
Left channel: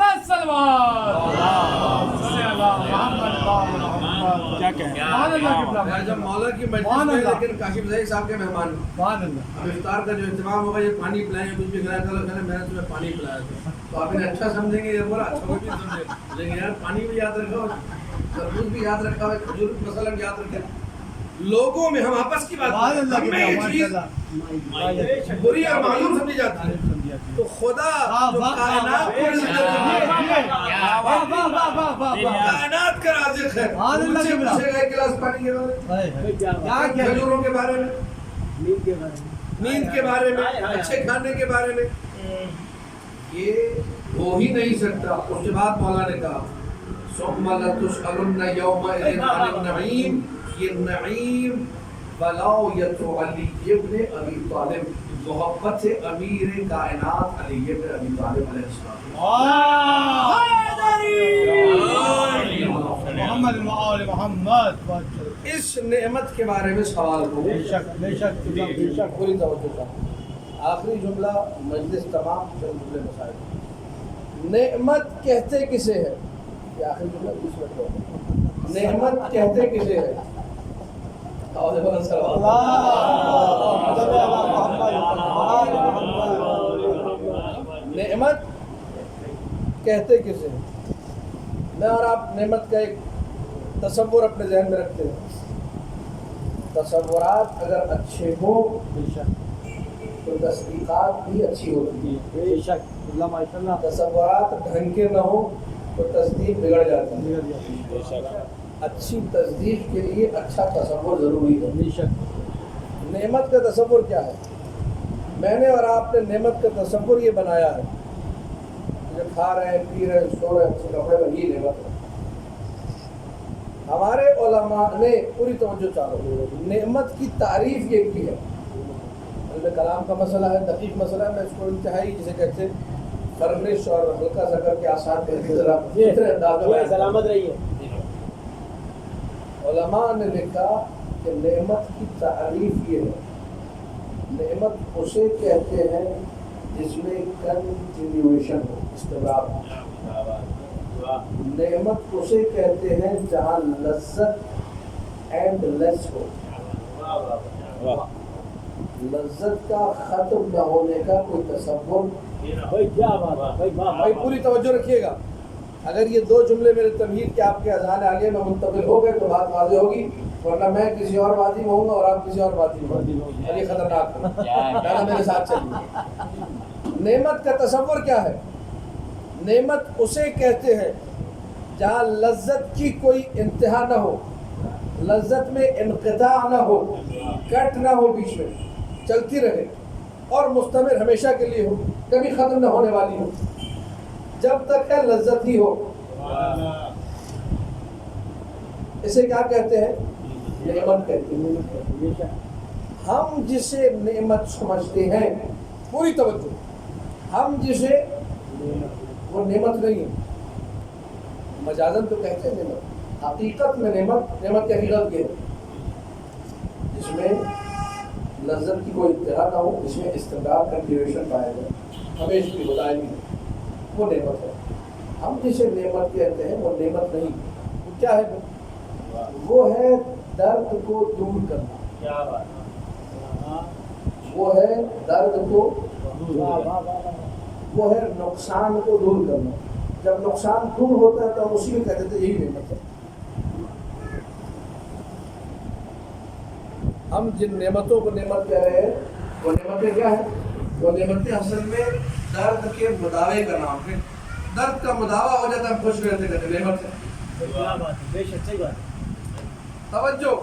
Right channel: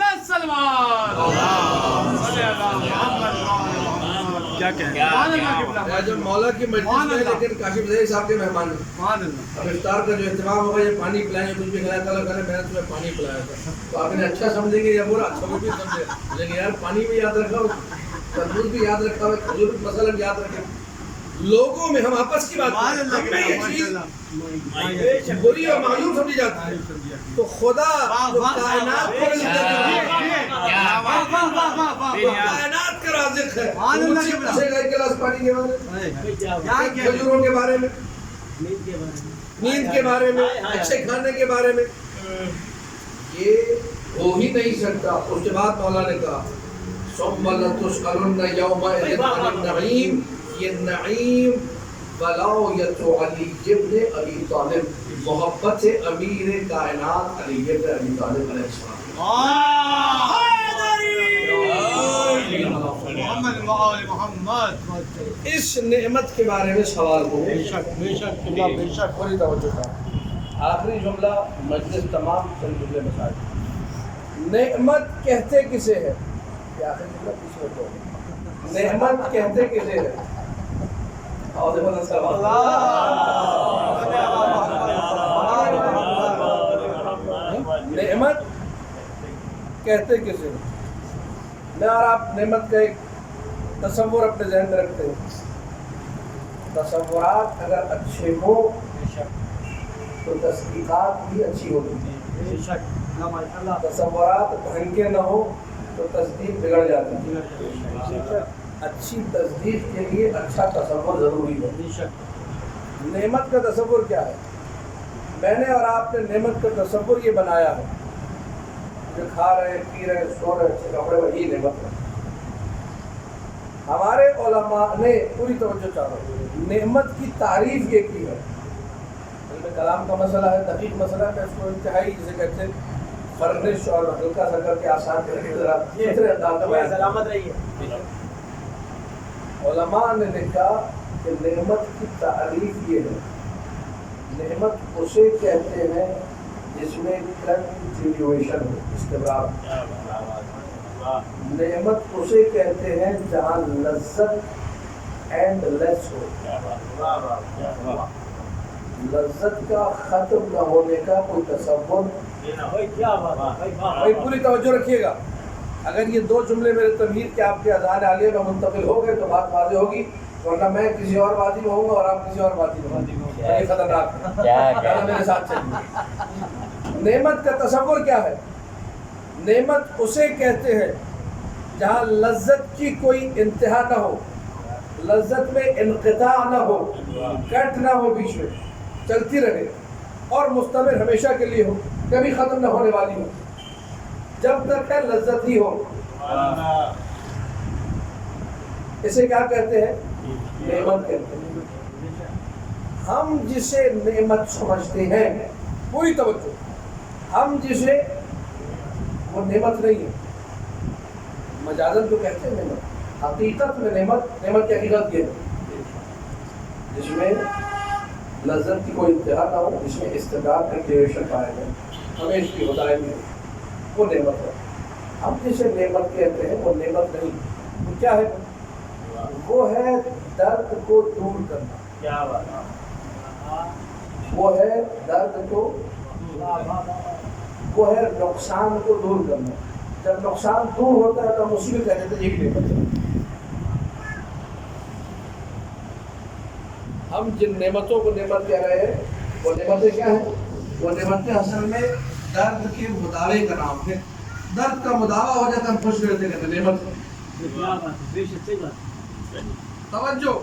جب مولا کی مجلس میں, لیکن کاشف ظہیر صاحب کے مہمان ہیں. اب افطار کا جو اہتمام ہوگا, یہ پانی پلائیں گے, کچھ بھی کھلایا تھا, میں نے تمہیں پانی پلایا تھا, تو آپ انہیں اچھا سمجھیں گے یا برا؟ اچھا کوئی بھی سمجھے, بولیں گے یار پانی بھی یاد رکھا ہو, تربوز بھی یاد رکھا ہو, کھجور مثلا یاد رکھے. لوگوں میں ہم آپس کی بات کریں, ہم میں یہ چیز بری اور معلوم سمجھی جاتی ہے. تو خدا جو کائنات کو کائنات کا رازق ہے, مجھ سے پوچھے گا ایک گلاس پانی کے بارے میں, کھجوروں کے بارے میں, نیند کے بارے میں, اچھے کھانے کے بارے میں. یہ ہو ہی نہیں سکتا. اس کے بعد مولا نے کہا ثم لتسألن یومئذ عن النعیم. یہ نعیم ولایت علی ابن ابی طالب, محبت سے امیر کائنات علی ابن ابی طالب علیہ السلام. اس نعمت کے بارے میں سوال ہو. پوری توجہ کا آخری جملہ, مجلس تمام تر جملے مسائل. نعمت کہتے کسے ہے؟ یہ آخری جملہ 20 منٹ ہو. نعمت کہتے کسے ہے؟ نعمت کہتے کسے ہیں؟ میں اور آپ نعمت کا ایک تصور اپنے ذہن میں رکھتے ہیں. تصورات اگر اچھے ہوں تو تصدیقات بھی اچھی ہوتی ہے. تصورات ڈھنگ کے نہ ہو تو تصدیق بگڑ جاتی ہے. اچھی تصدیق کے لیے اچھا تصور ضروری ہے. نعمت کا تصور کیا ہے؟ میں نے اور آپ نے نعمت کا تصور یہ بنایا ہے, جو کھا رہے ہیں, پی رہے ہیں, سو رہے ہیں, اچھے کپڑے, وہی نعمت ہے. ہمارے علماء نے, پوری توجہ چاہو, نعمت کی تعریف یہ کی ہے. علم کلام کا مسئلہ ہے, دقیق مسئلہ ہے, میں اس کو انتہائی جسے کہتے ہیں فرنش اور ہلکا سا کر کے آسان کر کے ذرا دوسرے انداز میں سلامت رہی ہے. علماء نے لکھا کہ نعمت کی تعریف یہ ہے, نعمت اسے کہتے ہیں جس میں کنٹینیویشن ہو, استمرار. نعمت اسے کہتے ہیں جہاں لذت اینڈ لیس ہو, لذت کا ختم نہ ہونے کا کوئی تصور. بھائی پوری توجہ رکھیے گا. اگر یہ دو جملے میرے تمہید کے آپ کے اذہان عالیہ میں منتقل ہو گئے تو بات واضح ہوگی, ورنہ میں کسی اور وادی میں ہوں گا اور آپ کسی اور وادی میں ہوں گے, اور یہ خطرناک ہے. میرے ساتھ چلیے. نعمت کا تصور کیا ہے؟ نعمت اسے کہتے ہیں جہاں لذت کی کوئی انتہا نہ ہو, لذت میں انقطاع نہ ہو, کٹ نہ ہو, بیچ میں چلتی رہے. اور مستمر ہمیشہ کے لیے ہو، کبھی ختم نہ ہونے والی ہو، جب تک ہے لذت ہی ہو۔ اسے کیا کہتے ہیں؟ نعمت کہتے ہیں۔ ہم جسے نعمت سمجھتے ہیں، پوری توجہ، ہم جسے، وہ نعمت نہیں ہے، مجازن تو کہتے ہیں نعمت، حقیقت میں نعمت کی حقیقت یہ ہے جس میں لذت کی کوئی انتہا نہ ہو، جس میں استقرار کا ڈیوریشن پایا جائے، ہمیشہ کی دائمی ہو، وہ نعمت ہے۔ ہم جسے نعمت کہتے ہیں وہ نعمت نہیں، وہ کیا ہے؟ وہ ہے درد کو دور کرنا، کیا بات، وہ ہے درد کو، وہ ہے نقصان کو دور کرنا۔ جب نقصان دور ہوتا ہے تو ہم اسی میں کہتے ہیں یہی نعمت ہے۔ ہم جن نعمتوں کو نعمت کہہ رہے ہیں وہ نعمتیں کیا ہیں؟ وہ نعمتیں اصل میں درد کے مداوے کا نام ہے۔ درد کا مداوع ہو جاتا ہے، ہم خوش رہتے کہتے ہیں نعمت ہے۔ کیا بات ہے، بے شک صحیح بات، توجہ،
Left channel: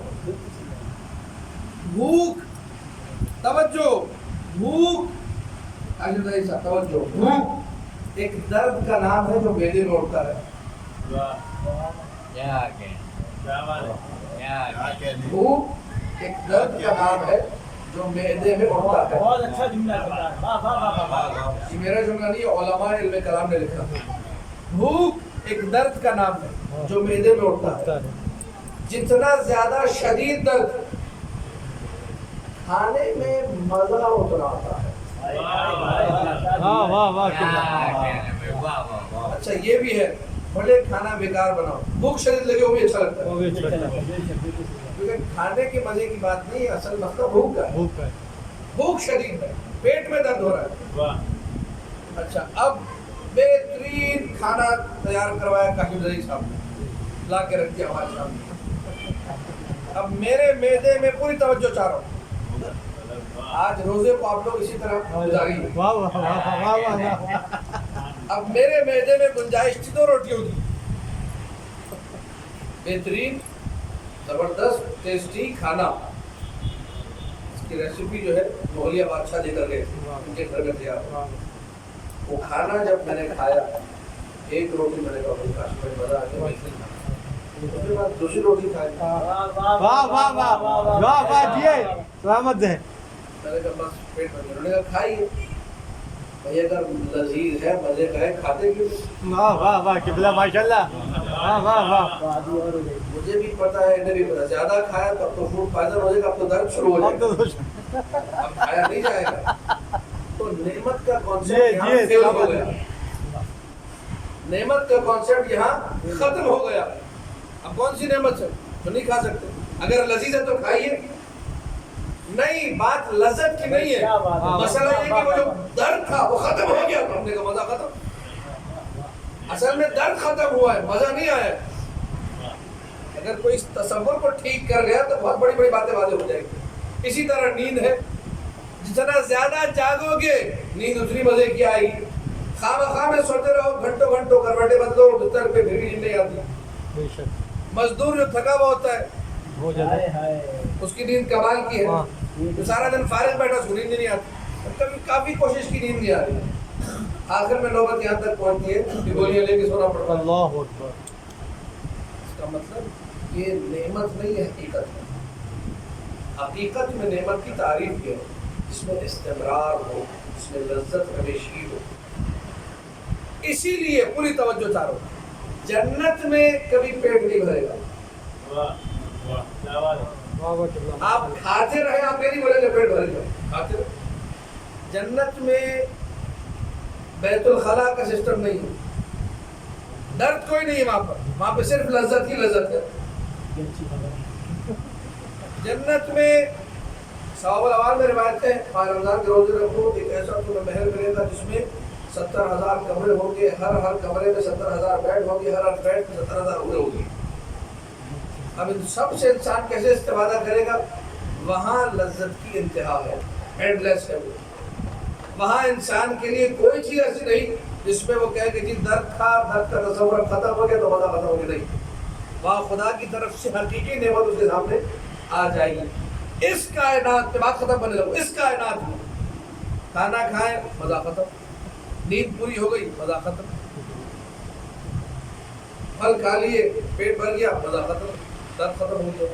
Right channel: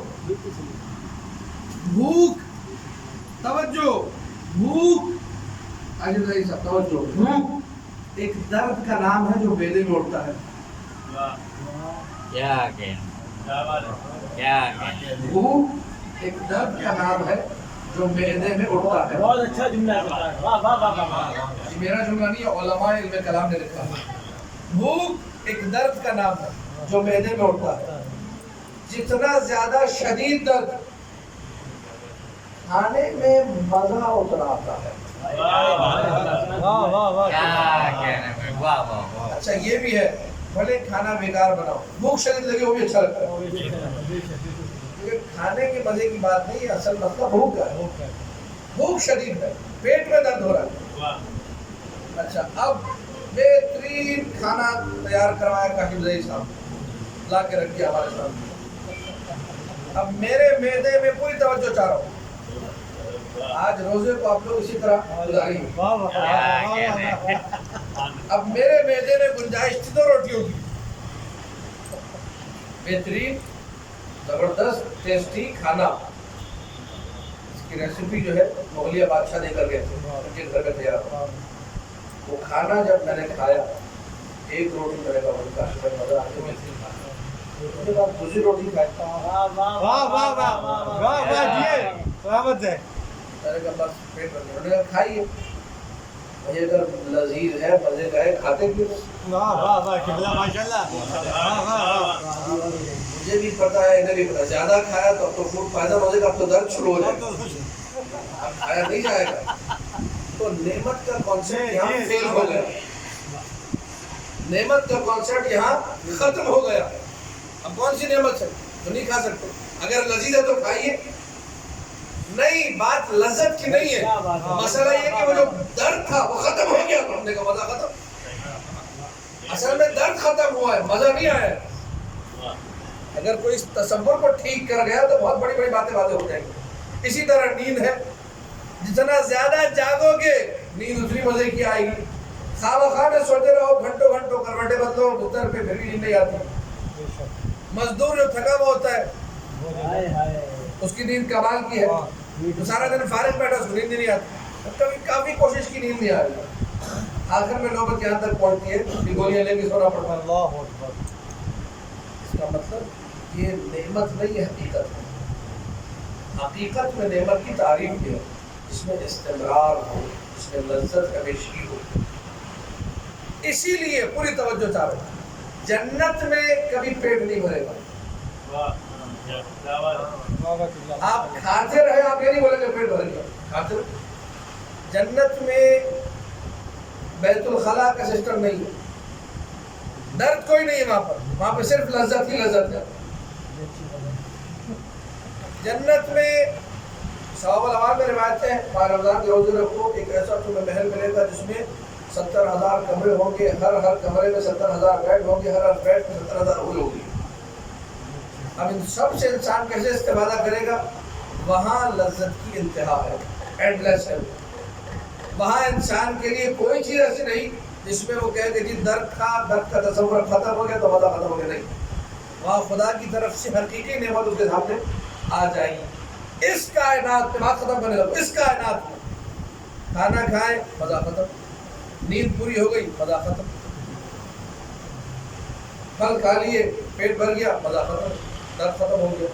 بھوک، توجہ، بھوک، توجہ، بھوک ایک درد کا نام ہے جو معدے میں اٹھتا ہے۔ بھوک ایک درد کا نام ہے جو معدے میں اٹھتا ہے۔ بہت اچھا جملہ ہے، واہ واہ واہ واہ، یہ میرا جملہ نہیں ہے، علماء علم کلام نے لکھا۔ بھوک ایک درد کا نام ہے جو معدے میں اٹھتا ہے۔ جتنا زیادہ شدید درد، کھانے میں مزہ اتنا آتا ہے۔ اچھا یہ بھی ہے، بھلے کھانا بیکار بناؤ، بھوک شدید لگے وہ بھی اچھا لگتا ہے، کیونکہ کھانے کے مزے کی بات نہیں ہے، اصل مسئلہ بھوک کا ہے۔ بھوک شدید ہے، پیٹ میں درد ہو رہا ہے۔ اچھا اب بہترین کھانا تیار کروایا کاشم زئی صاحب، لا کے رکھ دیا ہمارے سامنے۔ اب میرے معدے میں پوری توجہ چاہ رہا ہوں، آج روزے کو آپ لوگ اسی طرح گزاریں گے۔ اب میرے معدے میں گنجائش تھی تو روٹی ہوگی، بہترین زبردست ٹیسٹی کھانا۔ اس کی ریسیپی جو ہے مغلیہ بادشاہ دے کر گئے تھے، ان کے گھر میں تیار ہوا۔ وہ کھانا جب میں نے کھایا، ایک روٹی میں نے کہا مجھے کاشی میں مزہ آتا ہے، اس کے بعد دوسری روٹی کھائی، میں نے کہا بس پیٹ بھر گیا۔ انہوں نے کہا کھائیے بھائی، اگر لذیذ ہے، مزے کا ہے، کھاتے کیوں نہیں؟ مجھے بھی پتا ہے، انہیں بھی پتا، زیادہ کھایا تو اب تو فوڈ پوائزن ہو جائے گا، اب تو درد شروع ہو جائے گا، اب کھایا نہیں جائے گا۔ تو نعمت کا کانسیپٹ یہاں فیل ہو گیا، نعمت کا کانسیپٹ یہاں ختم ہو گیا۔ اب کون سی نعمت ہے جو نہیں کھا سکتے؟ اگر لذیذ ہے تو کھائیے، نہیں، بات لذت کی نہیں ہے، مسئلہ یہ کہ وہ جو درد تھا وہ ختم ہو گیا، تو ہم نے کہا مزہ ختم۔ اصل میں درد ختم ہوا ہے، مزہ نہیں آیا۔ اگر کوئی اس تصور کو ٹھیک کر گیا تو بہت بڑی بڑی باتیں واضح ہو جائیں گی۔ اسی طرح نیند ہے، جتنا زیادہ جاگو گے نیند اتنی مزے کی آئے گی۔ خواہ میں سوتے رہو گھنٹوں گھنٹوں، کروٹیں بدلو بستر پہ، پھر بھی نیند نہیں آتی۔ مزدور جو تھکا ہوا ہوتا ہے اس کی نیند کمال کی ہے، تو سارا دن فارغ بیٹھا، اس کو نیند نہیں آتی، کبھی کافی کوشش کی نیند نہیں آ رہی، آخر میں نوبت یہاں تک پہنچتی ہے کہ گولیاں لے کے سونا پڑتا ہے۔ اس کا مطلب یہ نعمت نہیں ہے، حقیقت ہے۔ حقیقت میں نعمت کی تعریف ہے جس میں استمرار ہو، جس میں لذت ہمیشگی ہو۔ اسی لیے پوری توجہ چاہو، جنت میں کبھی پیٹ نہیں بھرے گا۔ آپ کھاتے رہے، آپ یہ نہیں بولے کہ پیٹ بھر گیا، کھاتے رہے۔ جنت میں بیت الخلا کا سسٹم نہیں ہے، درد کوئی نہیں ہے وہاں پہ صرف لذت ہی لذت ہے۔ جنت میں ثواب الاعمال میں روایتیں ہیں، ماہ رمضان کے روزے رکھو، ایک ایسا تمہیں محل ملے گا جس میں 70,000 کمرے ہوں گے، ہر کمرے میں 70,000 بیڈ ہوں گے، ہر بیڈ میں 70,000 عمریں ہوں گی۔ اب ان سب سے انسان کیسے استفادہ کرے گا؟ وہاں لذت کی انتہا ہے، اینڈ لیس ہے۔ وہاں انسان کے لیے کوئی چیز ایسی نہیں جس میں وہ کہے کہ جی درد کا تصور ختم ہو گیا تو مزہ ختم ہو گیا، نہیں۔ وہاں خدا کی طرف سے حقیقی نعمت اس کے سامنے آ جائے گی۔ اس کائنات میں بات ختم کرنے لگو، اس کائنات میں کھانا کھائے مزہ ختم، نیند پوری ہو گئی مزہ ختم، پھل کھا لیے پیٹ بھر گیا مزہ ختم، درد ختم ہو گیا۔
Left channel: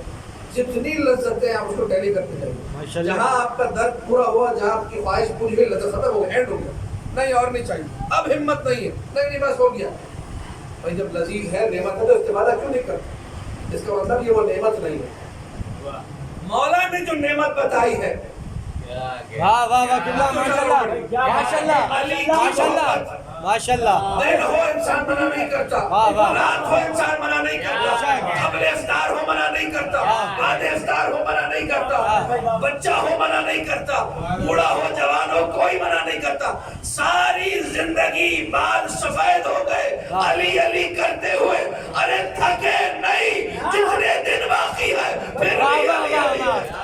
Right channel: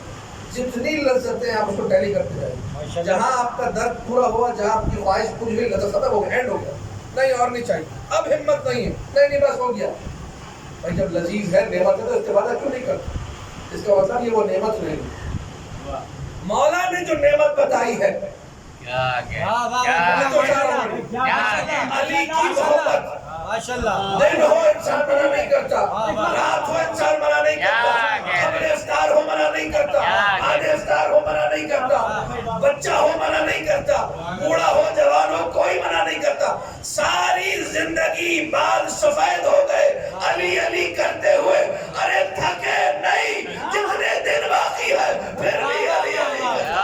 جتنی لذتیں آپ اس کو ٹیلی کرتے جائیے، جہاں آپ کا درد پورا ہوا، جہاں آپ کی خواہش پوری ہوئی، لذت ختم ہو گیا، اینڈ ہو گیا، نہیں اور نہیں چاہیے، اب ہمت نہیں ہے، نہیں بس ہو گیا۔ بھائی جب لذیذ ہے، نعمت ہے، تو استفادہ کیوں نہیں کرتے؟ اس کا مطلب یہ وہ نعمت نہیں ہے۔ مولا نے جو نعمت بتائی ہے، علی کی محبت، دن ہو انسان منع نہیں کرتا، رات ہو انسان منع نہیں کرتا، قبل افطار ہو منع نہیں کرتا، بعد افطار ہو منع نہیں کرتا، بچہ ہو منع نہیں کرتا، بوڑھا ہو جوان ہو کوئی منع نہیں کرتا۔ ساری زندگی بال سفید ہو گئے علی علی کرتے ہوئے، ارے تھکے نہیں، جتنے دن باقی ہے پھر بھی علی علی کرتا۔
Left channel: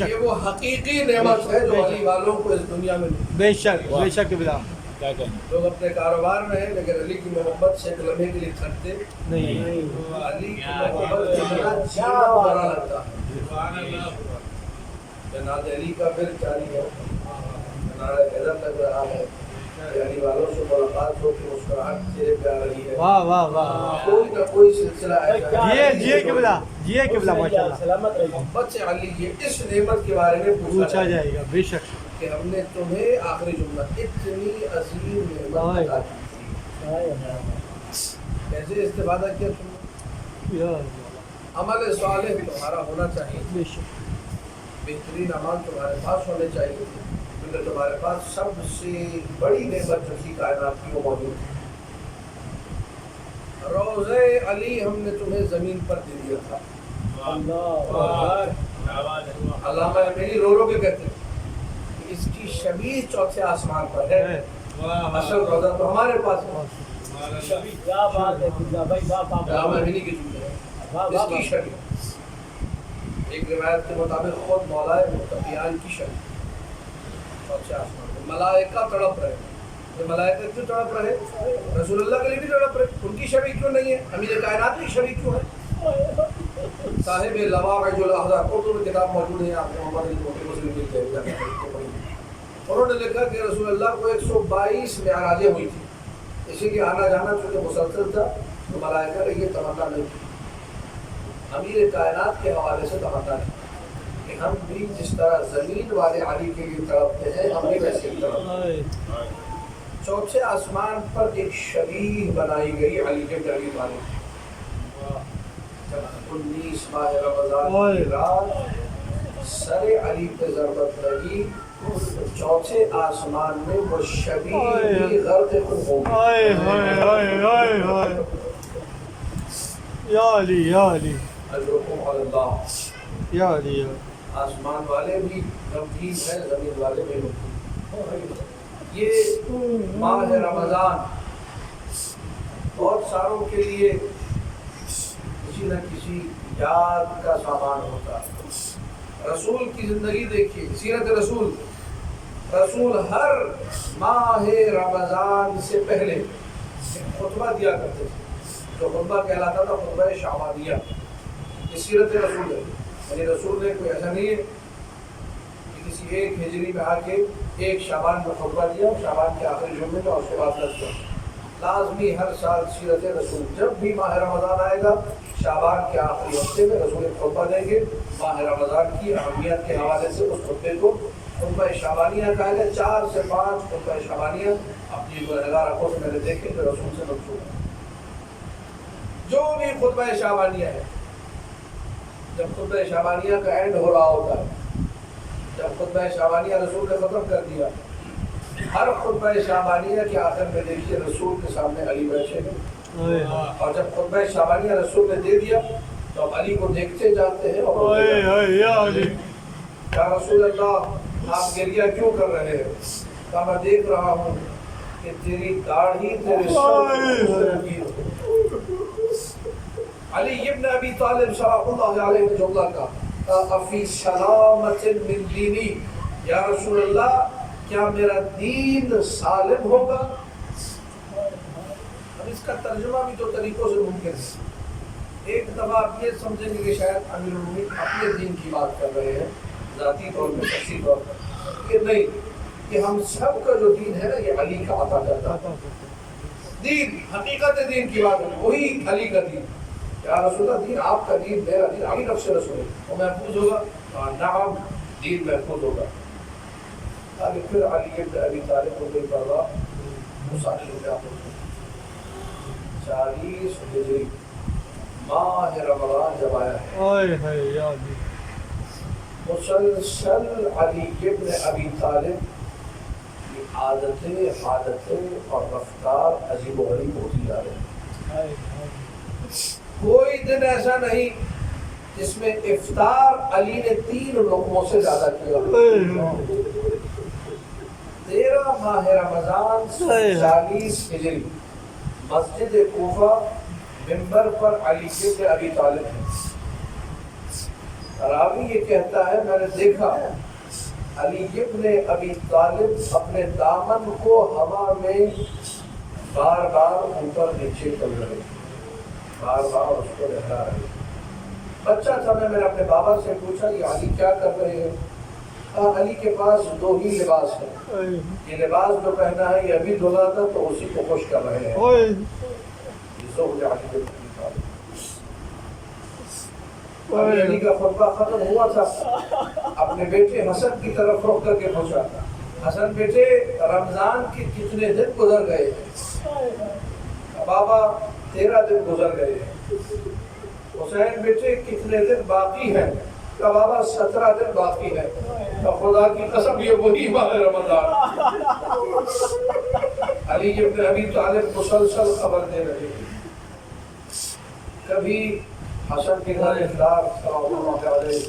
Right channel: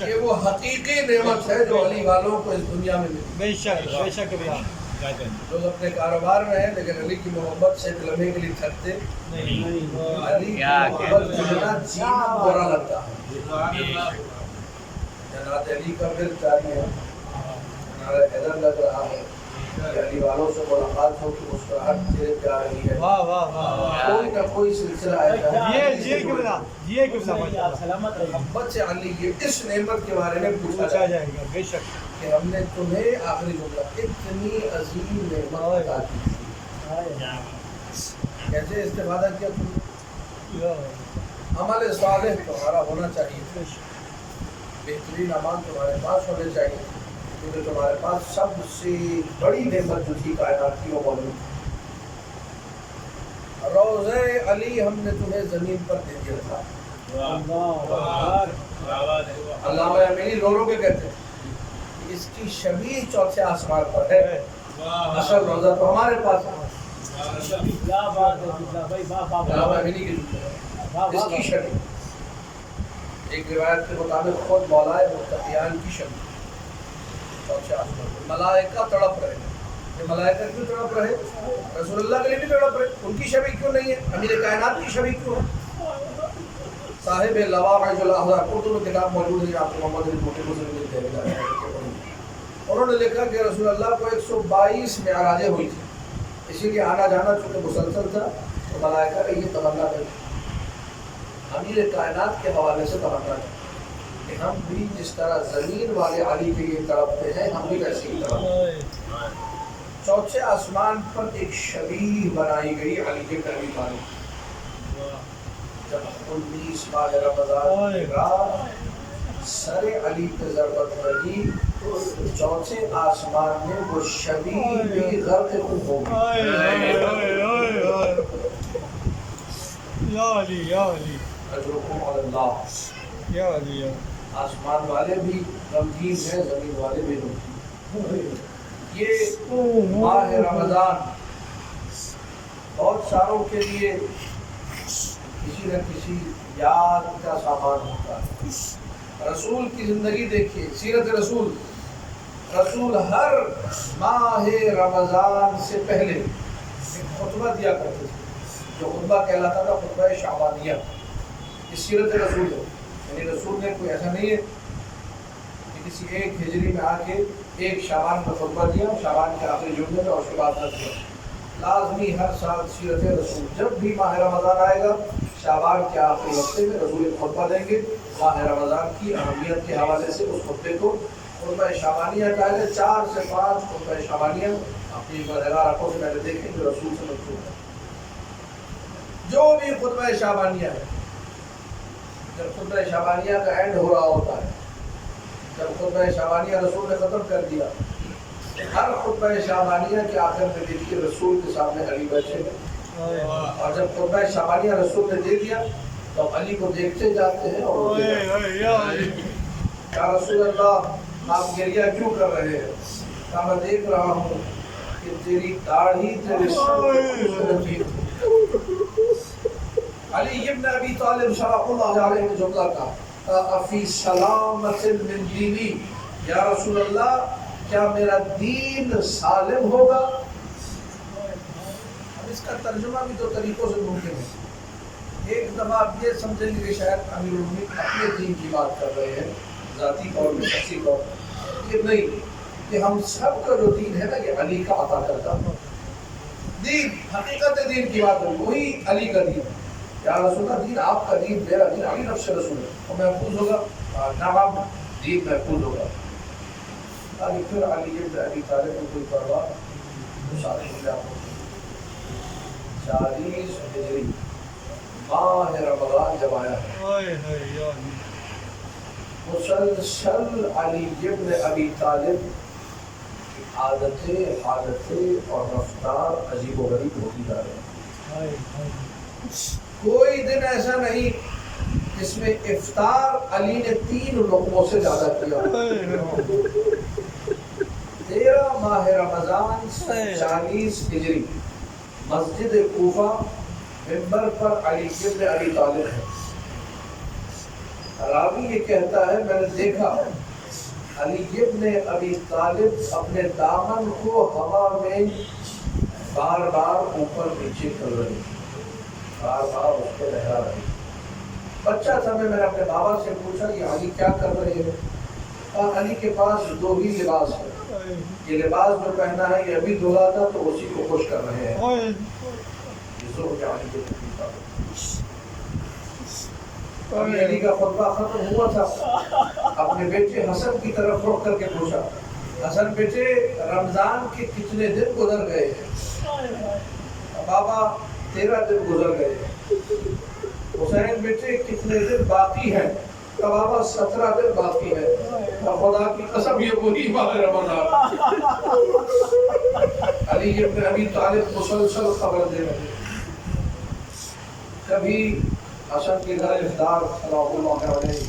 یہ وہ حقیقی نعمت ہے جو علی والوں کو اس دنیا میں ملی۔ بے شک لوگ اپنے کاروبار میں ہیں لیکن علی کی محبت سے ایک لمحے کے لیے تھکتے نہیں۔ علی کی محبت جتنا جینا برا لگتا ہے۔ جنات علی کا پھر جاری ہے، نعرہ حیدر لگ رہا ہے کہ علی والوں سے ملاقات ہو کہ مسکراہٹ چہرے پہ آ رہی ہے۔ کوئی نہ کوئی سلسلہ ایسا ہے محبت سے علی کی اس نعمت کے بارے میں پوچھا جائے گا، بے شک کہ ہم نے تمہیں آخری جملہ اتنی عظیم نعمت عطا کی، کیسے استفادہ کیا تم نے؟ عمل صالح تمہارا ہونا چاہیے، بہترین اعمال تمہارے پاس ہونے چاہیے، کیونکہ تمہارے پاس سب سے بڑی نعمت جو تھی کائنات کی وہ موجود تھی۔ روضہ علی ہم نے تمہیں زمین پر دے دیا تھا۔ علامہ امینی رو رو کے کہتے ہیں کہ اس کی شبیہ چوتھے آسمان پر ہے، اصل روضہ تو ہمارے پاس ہے۔ علامہ امینی کی جملہ ہے، اس کی شبیہ، ایک روایت کے مطابق خود مولائے متقیان کی شبیہ چوتھے آسمان پر۔ ملائکہ تڑپ رہے ہیں، یہ ملائکہ کیوں تڑپ رہے؟ رسول اللہ کے لیے بھی تڑپ رہے، ان کی شبیہ کیوں نہیں ہے؟ امیر کائنات کی شبیہ کیوں ہے؟ صاحب لواعظ الاحزاب، اردو میں کتاب موجود ہے، آپ کو محمد علی موٹی مسلم مل جائے گا، انہوں نے لکھا کہ رسول اللہ کو 122 معراجیں ہوئی تھی، اسی لیے آنا جانا چونکہ مسلسل تھا تو ملائکہ کا یہ تمنا نہیں تھی، امیر کائنات کے حوالے سے تمنا تھی کہ ہم بھی جس طرح زمین والے علی کے لیے تڑپتے ہیں، ہم بھی ویسے ہی تڑپتے ہیں۔ چوتھے آسمان پر ایک شبیہ بنائی گئی علی کے ابی طالب۔ جب 19 ماہ رمضان کی رات سر علی پہ ضربت لگی تو چوتھے آسمان میں وہ شبیہ بھی غرق خون ہو گئی۔ یا علی یا علی اجرکم علی اللہ۔ یا علی، آسمان والے بھی غمگین ہیں، زمین والے بھی غمگین۔ یہ ماہ رمضان بہت ساروں کے لیے کسی نہ کسی یاد کا سامان ہوتا ہے۔ رسول کی زندگی دیکھیے، سیرت رسول، رسول ہر ماہ رمضان سے پہلے ایک خطبہ دیا کرتے تھے، جو خطبہ کہلاتا تھا خطبہ شعبانیہ۔ یہ سیرت رسول ہے، یعنی رسول نے کوئی ایسا نہیں ہے کہ کسی ایک ہجری میں آ کے ایک شعبان میں خطبہ دیا، شعبان کے آخری جمعے میں، اور اس کے بعد رکھ دیا۔ لازمی ہر سال سیرت رسول، جب بھی ماہ رمضان آئے گا شعبان کے آخری ہفتے میں رسول ایک خطبہ دیں گے، ماہ رمضان کی اہمیت کے حوالے سے اس خطبے کو خطبہ شعبانیہ کہا ہے۔ 4 سے 5 خطبہ شعبانیہ اپنی ملحدہ رکھوں سے میں نے دیکھے جو رسول سے منسوب ہے۔ جو بھی خطبہ شعبانیہ ہے، جب خطبہ شعبانیہ کا اینڈ ہو رہا ہوتا ہے، جب خطبہ شعبانیہ رسول نے ختم کر دیا، ہر خطبہ شعبانیہ کے آخر میں دیکھیے رسول کے سامنے علی بیٹھے ہیں، اور جب خطبہ شعبانیہ رسول نے دے دیا تو اب علی کو دیکھتے جاتے ہیں اور روتے جاتے ہیں۔ یا رسول اللہ آپ گریہ کیوں کر رہے ہیں؟ کہا میں دیکھ رہا ہوں کہ تیری داڑھی تیرے سر پہ خون رکھی ہے۔ علی ابن ابی طالب صلی اللہ علیہ وسلم نے جملہ کہا افی سلامت من دینی، یا رسول اللہ کیا میرا دین سالم ہوگا؟ اب اس کا ترجمہ بھی تو طریقوں سے ممکن ہے۔ ایک دفعہ آپ یہ سمجھیں گے کہ شاید امیر المومنین اپنے دین کی بات کر رہے ہیں ذاتی طور پہ، شخصی طور پر، یہ نہیں، کہ ہم سب کا جو دین ہے نا یہ علی کا عطا کرتا ہے دین، حقیقت دین کی بات ہے، وہی علی کا دین۔ یا رسول اللہ دین آپ کا دین، میرا دین، علی نفس رسول ہے، وہ محفوظ ہوگا؟ نعم، دین محفوظ ہوگا۔ آگے پھر علی ابن ابی طالب رضی اللہ عنہ سارے لوگ آپ 40 ہجری ماہ رمضان جب آیا ہے، مسلسل علی ابن ابی طالب کی عادتیں، حالتیں اور رفتار عجیب و غریب ہوتی جا رہی ہیں۔ کوئی دن ایسا نہیں جس میں افطار علی نے 3 لقموں سے زیادہ کیا۔ 13 ماہ رمضان 40 ہجری مسجد کوفہ، منبر پر علی ابن ابی طالب ہے۔ راوی یہ کہتا ہے میں نے دیکھا علی ابن ابی طالب اپنے دامن کو ہوا میں بار بار اوپر نیچے کر رہے، بار بار اس کو لہرا رہے۔ بچہ تھا میں نے اپنے بابا سے پوچھا یہ علی کیا کر رہے ہیں؟ علی کے پاس 2 ہی لباس ہے، یہ لباس جو پہنا ہے یہ ابھی دھلا تھا تو اسی کو خوش کر رہے ہیں۔ ابھی علی کا خطبہ ختم ہوا تھا، اپنے بیٹے حسن کی طرف رخ کر کے پوچھا حسن بیٹے رمضان کے کتنے دن گزر گئے؟ بابا 13 دن گزر گئے۔ حسین بیٹے کتنے دن باقی ہیں؟ بابا 17 دن باقی ہے۔ خدا کی قسم یہ وہی ماہ رمضان۔ علی ابن ابی طالب مسلسل خبر دے رہے، کبھی حسن کے گھر افطار صلوات اللہ علیہ،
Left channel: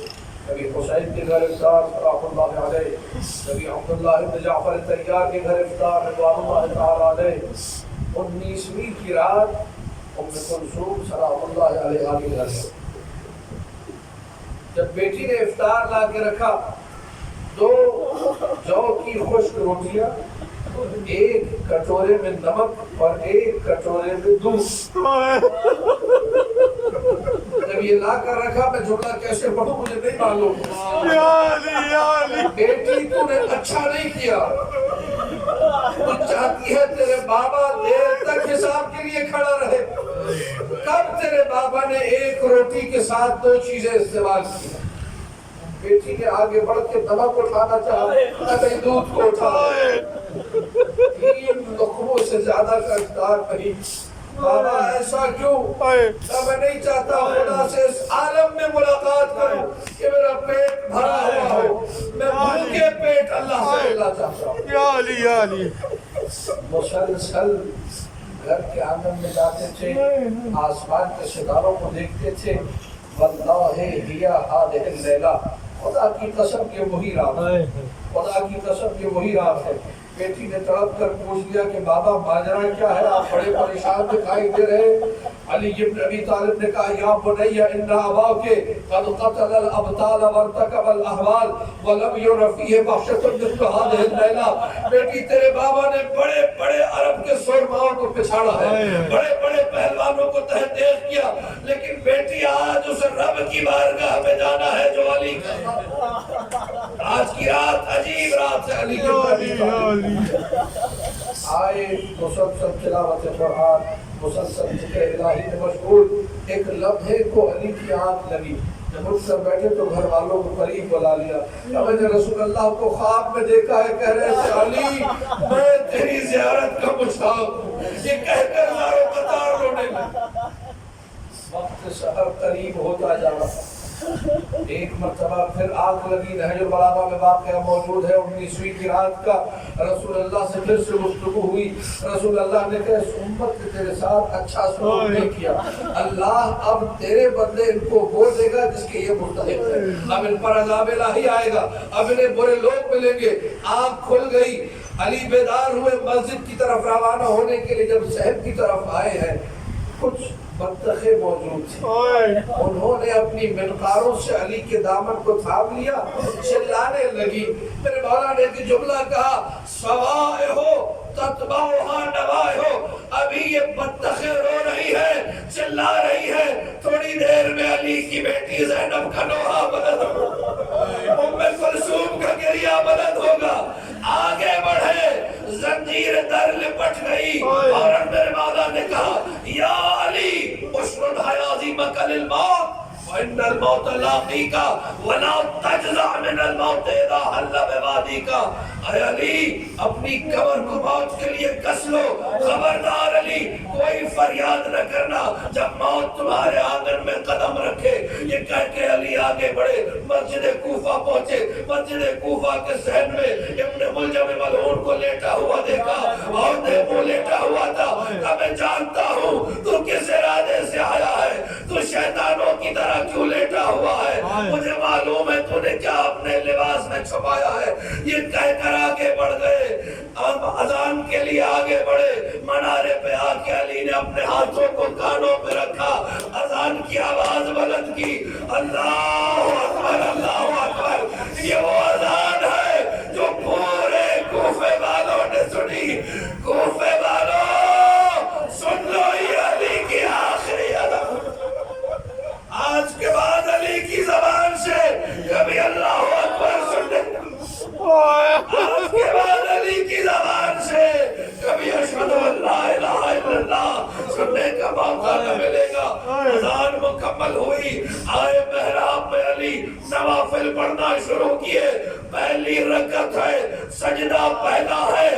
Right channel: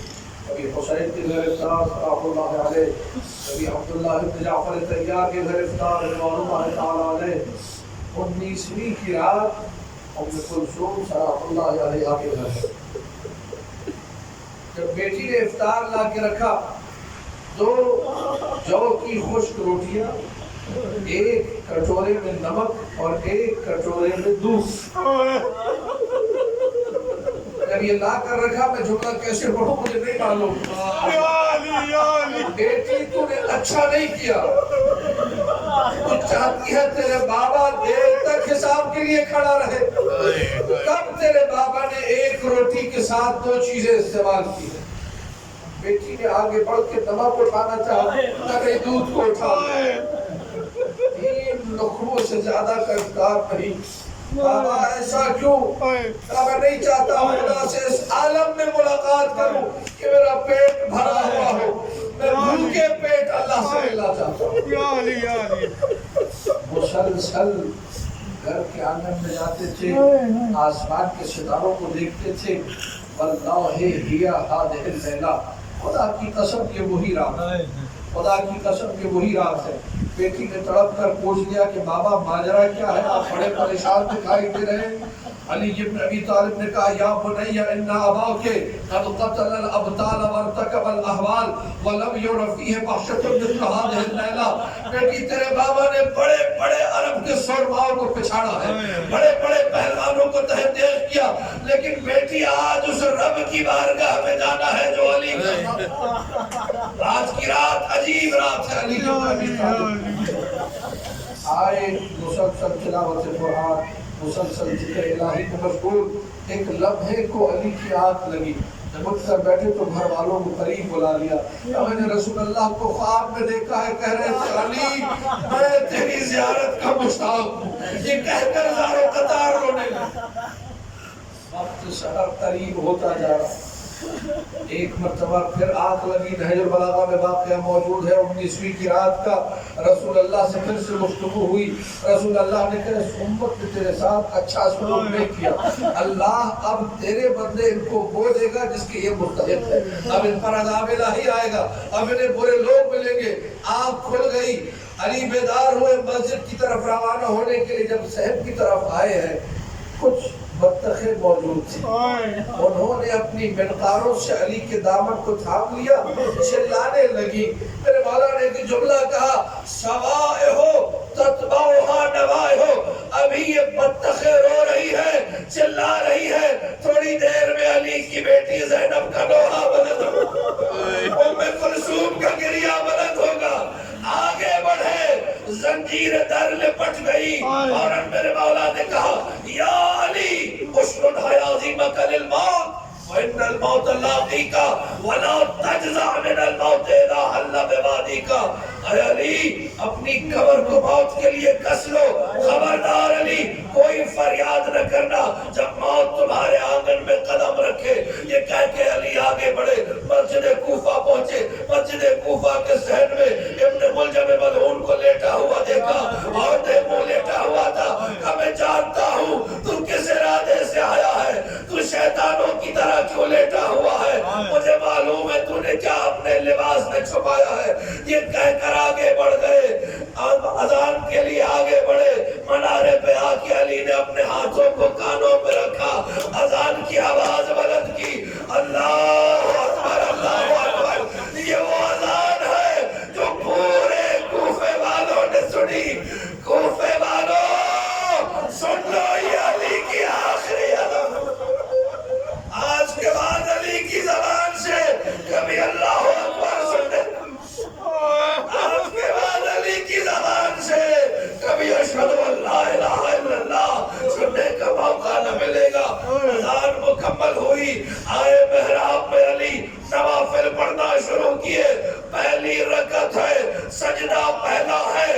کبھی حسین کے گھر افطار صلوات اللہ علیہ، کبھی عبداللہ بن جعفر طیار کے گھر افطار رضوان اللہ تعالی علیہ۔ 19ویں کی رات ام کلثوم صلوات اللہ علیہ کے گھر ہے۔ جب بیٹی نے افطار لا کے رکھا 2 جو کی خشک روٹیاں، 1 کٹورے میں نمک اور 1 کٹورے میں دودھ، جب یہ لا کر رکھا میں جملہ کیسے پڑھوں مجھے نہیں معلوم۔ بیٹی تو نے اچھا نہیں کیا، تو چاہتی ہے تیرے بابا دیر تک حساب کے لیے کھڑا رہے، تب تیرے بابا نے 1 روٹی کے ساتھ 2 چیزیں استعمال کی۔ بیٹی نے آگے بڑھ کے نمک اٹھانا چاہا، کہیں دودھ کو اٹھا، 3 لقموں سے زیادہ کا افطار نہیں۔ بابا ایسا کیوں؟ میں نہیں چاہتا خدا سے اس عالم میں ملاقات کروں کہ میرا پیٹ بھرا ہوا ہو، میں بھوکے پیٹ اللہ سے ملنا چاہتا ہوں۔ مسلسل گھر کے آنگن میں جاتے تھے، آسمان کے ستاروں کو دیکھتے تھے، واللہ ہی ہذہ اللیلہ، خدا کی قسم یہ وہی رات ہے، خدا کی قسم یہ وہی رات ہے۔ بیٹی نے تڑپ کر پوچھ لیا کہ بابا ماجرا کیا ہے، آپ بڑے پریشان دکھائی دے رہے۔ علی ابن ابی طالب نے کہا یا بنی ان اباک قد قتل الابطال وارتکب الاحوال ولم یر فیہ وحشۃ مثل هذه اللیلہ۔ بیٹی تیرے بابا نے بڑے بڑے عرب کے سرماؤں کو پچھاڑا ہے، بڑے بڑے پہلوانوں کو تہہ تیز کیا، لیکن بیٹی آج اس رب کی بارگاہ میں جانا ہے جو علی کا۔ آج کی رات عجیب رات ہے۔ علی ابن ابی طالب آئے، مسلسل تلاوت قرآن، مسلسل ذکر الہی میں مشغول۔ ایک لمحے کو علی کی آنکھ لگی، جب اٹھ کر بیٹھے تو گھر والوں کو قریب بلا لیا۔ میں نے رسول اللہ کو خواب میں دیکھا ہے، کہہ رہے تھے علی میں تیری زیارت کا مشتاق ہوں، یہ کہہ کر زاروں قطار رونے لگے۔ وقت سحر قریب ہوتا جا رہا، ایک مرتبہ پھر آنکھ لگی، نہج البلاغہ میں واقعہ موجود ہے، 19ویں کی رات کا۔ رسول اللہ سے پھر سے گفتگو ہوئی، رسول اللہ نے کہا اس امت نے تیرے ساتھ اچھا سلوک نہیں کیا، اللہ اب تیرے بدلے ان کو وہ دے گا جس کے یہ مستحق ہے، اب ان پر عذاب الہی آئے گا، اب انہیں برے لوگ ملیں گے۔ آنکھ کھل گئی، علی بیدار ہوئے، مسجد کی طرف روانہ ہونے کے لیے جب صحن کی طرف آئے ہیں، کچھ بطخیں موجود تھی. انہوں نے اپنی منقاروں سے علی کے دامن کو تھام لیا, چلانے لگی. میرے مولا نے ایک جملہ کہا, سوائے ہو تتبعها نوائے ہو. ابھی یہ بطخیں رو رہی ہے, چلا رہی ہے, تھوڑی دیر میں علی کی بیٹی زینب کا نوحہ بلند ہوگا, ام کلثوم کا گریہ بلند ہوگا. آگے بڑھے, زنجیر در لپٹ گئی, اور میرے مولا نے کہا, یا علی اشرد حیازیمک للموت وَإِنَّ الْمَوْتَ لَاقِيكَ وَلَا تَجْزَعْ مِنَ الْمَوْتِ إِذَا حَلَّ بِوَادِكَ. اے علی اپنی قبر کو موت کے لیے کس لو, خبردار علی کوئی فریاد نہ کرنا جب موت تمہارے آنگن میں قدم رکھے. یہ کہہ کے علی آگے بڑھے, مسجد کوفہ پہنچے. مسجد کوفہ کے صحن میں ابن ملجم ملعون کو لیٹا ہوا دیکھا, اور منہ لیٹا ہوا تھا. کہ میں جانتا ہوں تو کس ارادے سے آیا ہے, تو شیطانوں کی طرح کیوں لیٹا ہوا ہے, مجھے معلوم ہے تو نے کیا اپنے لباس میں چھپایا ہے. یہ کہہ کر آگے بڑھ گئے, اذان کے لیے آگے بڑھے. منارے پہ آ کے علی نے اپنے ہاتھوں کو کانوں پہ رکھا, اذان کی آواز بلند کی, اللہ اکبر اللہ اکبر. یہ وہ اذان ہے جو پورے کوفے والوں نے سنی. کوفے والوں سن لو, یہ علی کی آخری اذان. آج کے بعد علی کی زبان سے کبھی اللہ اکبر سننے, آج کے بعد علی کی زبان سے کبھی اشہد ان لا الہ الا اللہ سننے کا موقع نہ ملے گا. اذان مکمل ہوئی, آئے محراب میں علی نوافل پڑھنا شروع کیے. پہلی رکعت ہے, سجدہ پہلا ہے.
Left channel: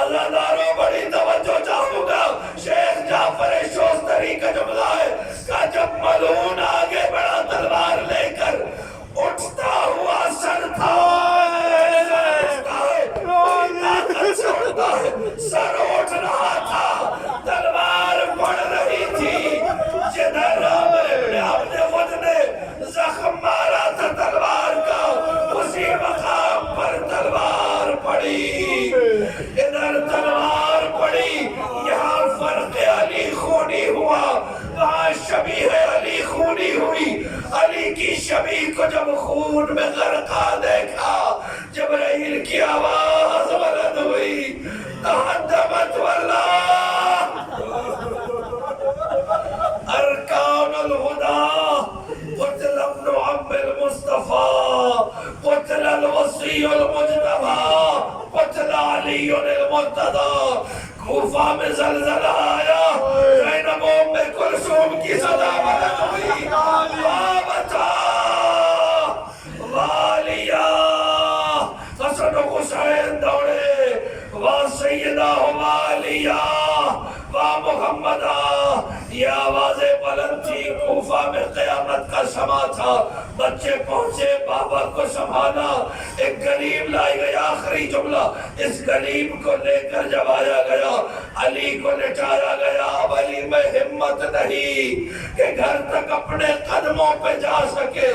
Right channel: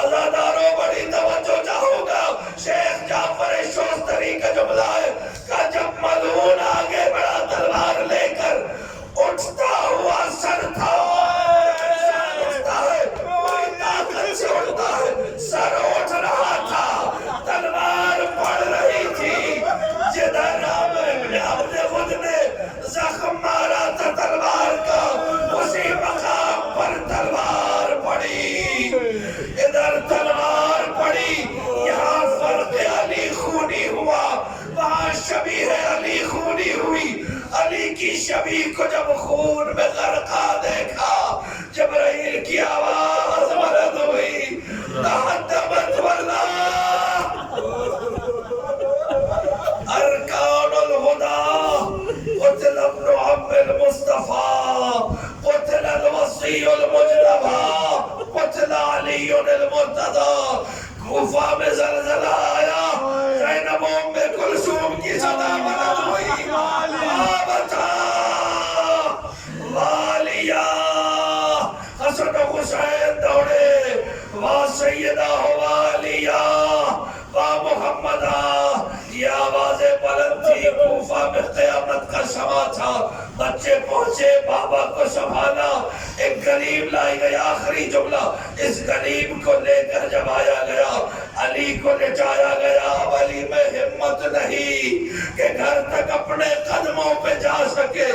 عزاداروں بڑی توجہ چاہوں گا, شیخ جعفر شوستری کا جملہ ہے کہ جب ملعون آگے بڑا تلوار لے کر, اٹھتا ہوا سر تھا, سر اٹھ رہا تھا, تلوار پڑ رہی تھی. جدھر عامر ابن عبد خود نے زخم مارا تھا تلوار کا, اسی مقام پر تلوار پڑی. ادھر تلوار پڑی, یہاں فرق علی خونی ہوا, وہاں شبیہ علی خونی ہوئی. علی کی شبیہ کو جب خون میں غرقہ دیکھا, جبرائیل کی آواز بلند ہوئی, تحدمت واللہ ارکان الہدی, قتل ابن عم المصطفیٰ, قتل الوصی المجتبی, قتل علی المرتضی. کوفہ میں زلزلہ آیا, زینب ام کلثوم کی صدا بلند ہوئی, وابتا والیا. حسن و حسین دوڑے, وا سیدہ والیا وا محمدہ. یہ آوازیں بلند تھی, کوفہ میں قیامت کا سما تھا. بچے پہنچے, بابا کو سنبھالا, ایک غریب لائی گئی. آخری جملہ, اس غریب کو لے کر جب آیا گیا, علی کو لٹایا گیا. اب علی میں ہمت نہیں کہ گھر تک اپنے قدموں پہ جا سکے,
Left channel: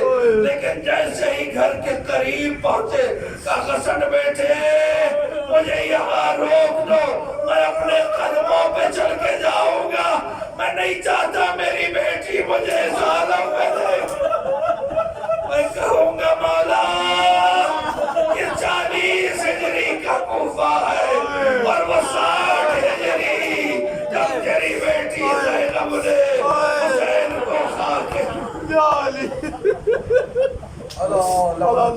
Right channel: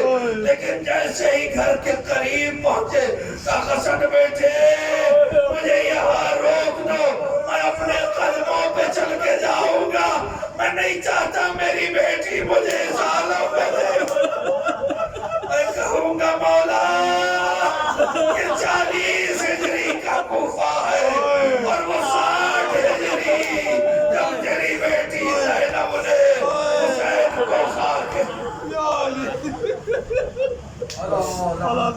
لیکن جیسے ہی گھر کے قریب پہنچے, کہا حسن بیٹے مجھے یہاں روک دو, میں اپنے قدموں پہ چل کے جاؤں گا. میں نہیں چاہتا میری بیٹی مجھے ظالم میں دے. میں کہوں گا مولا یہ 40 ہجری کا کوفہ ہے, اور وہ 60 ہجری جب تیری بیٹی زینب نے حسین کو خاک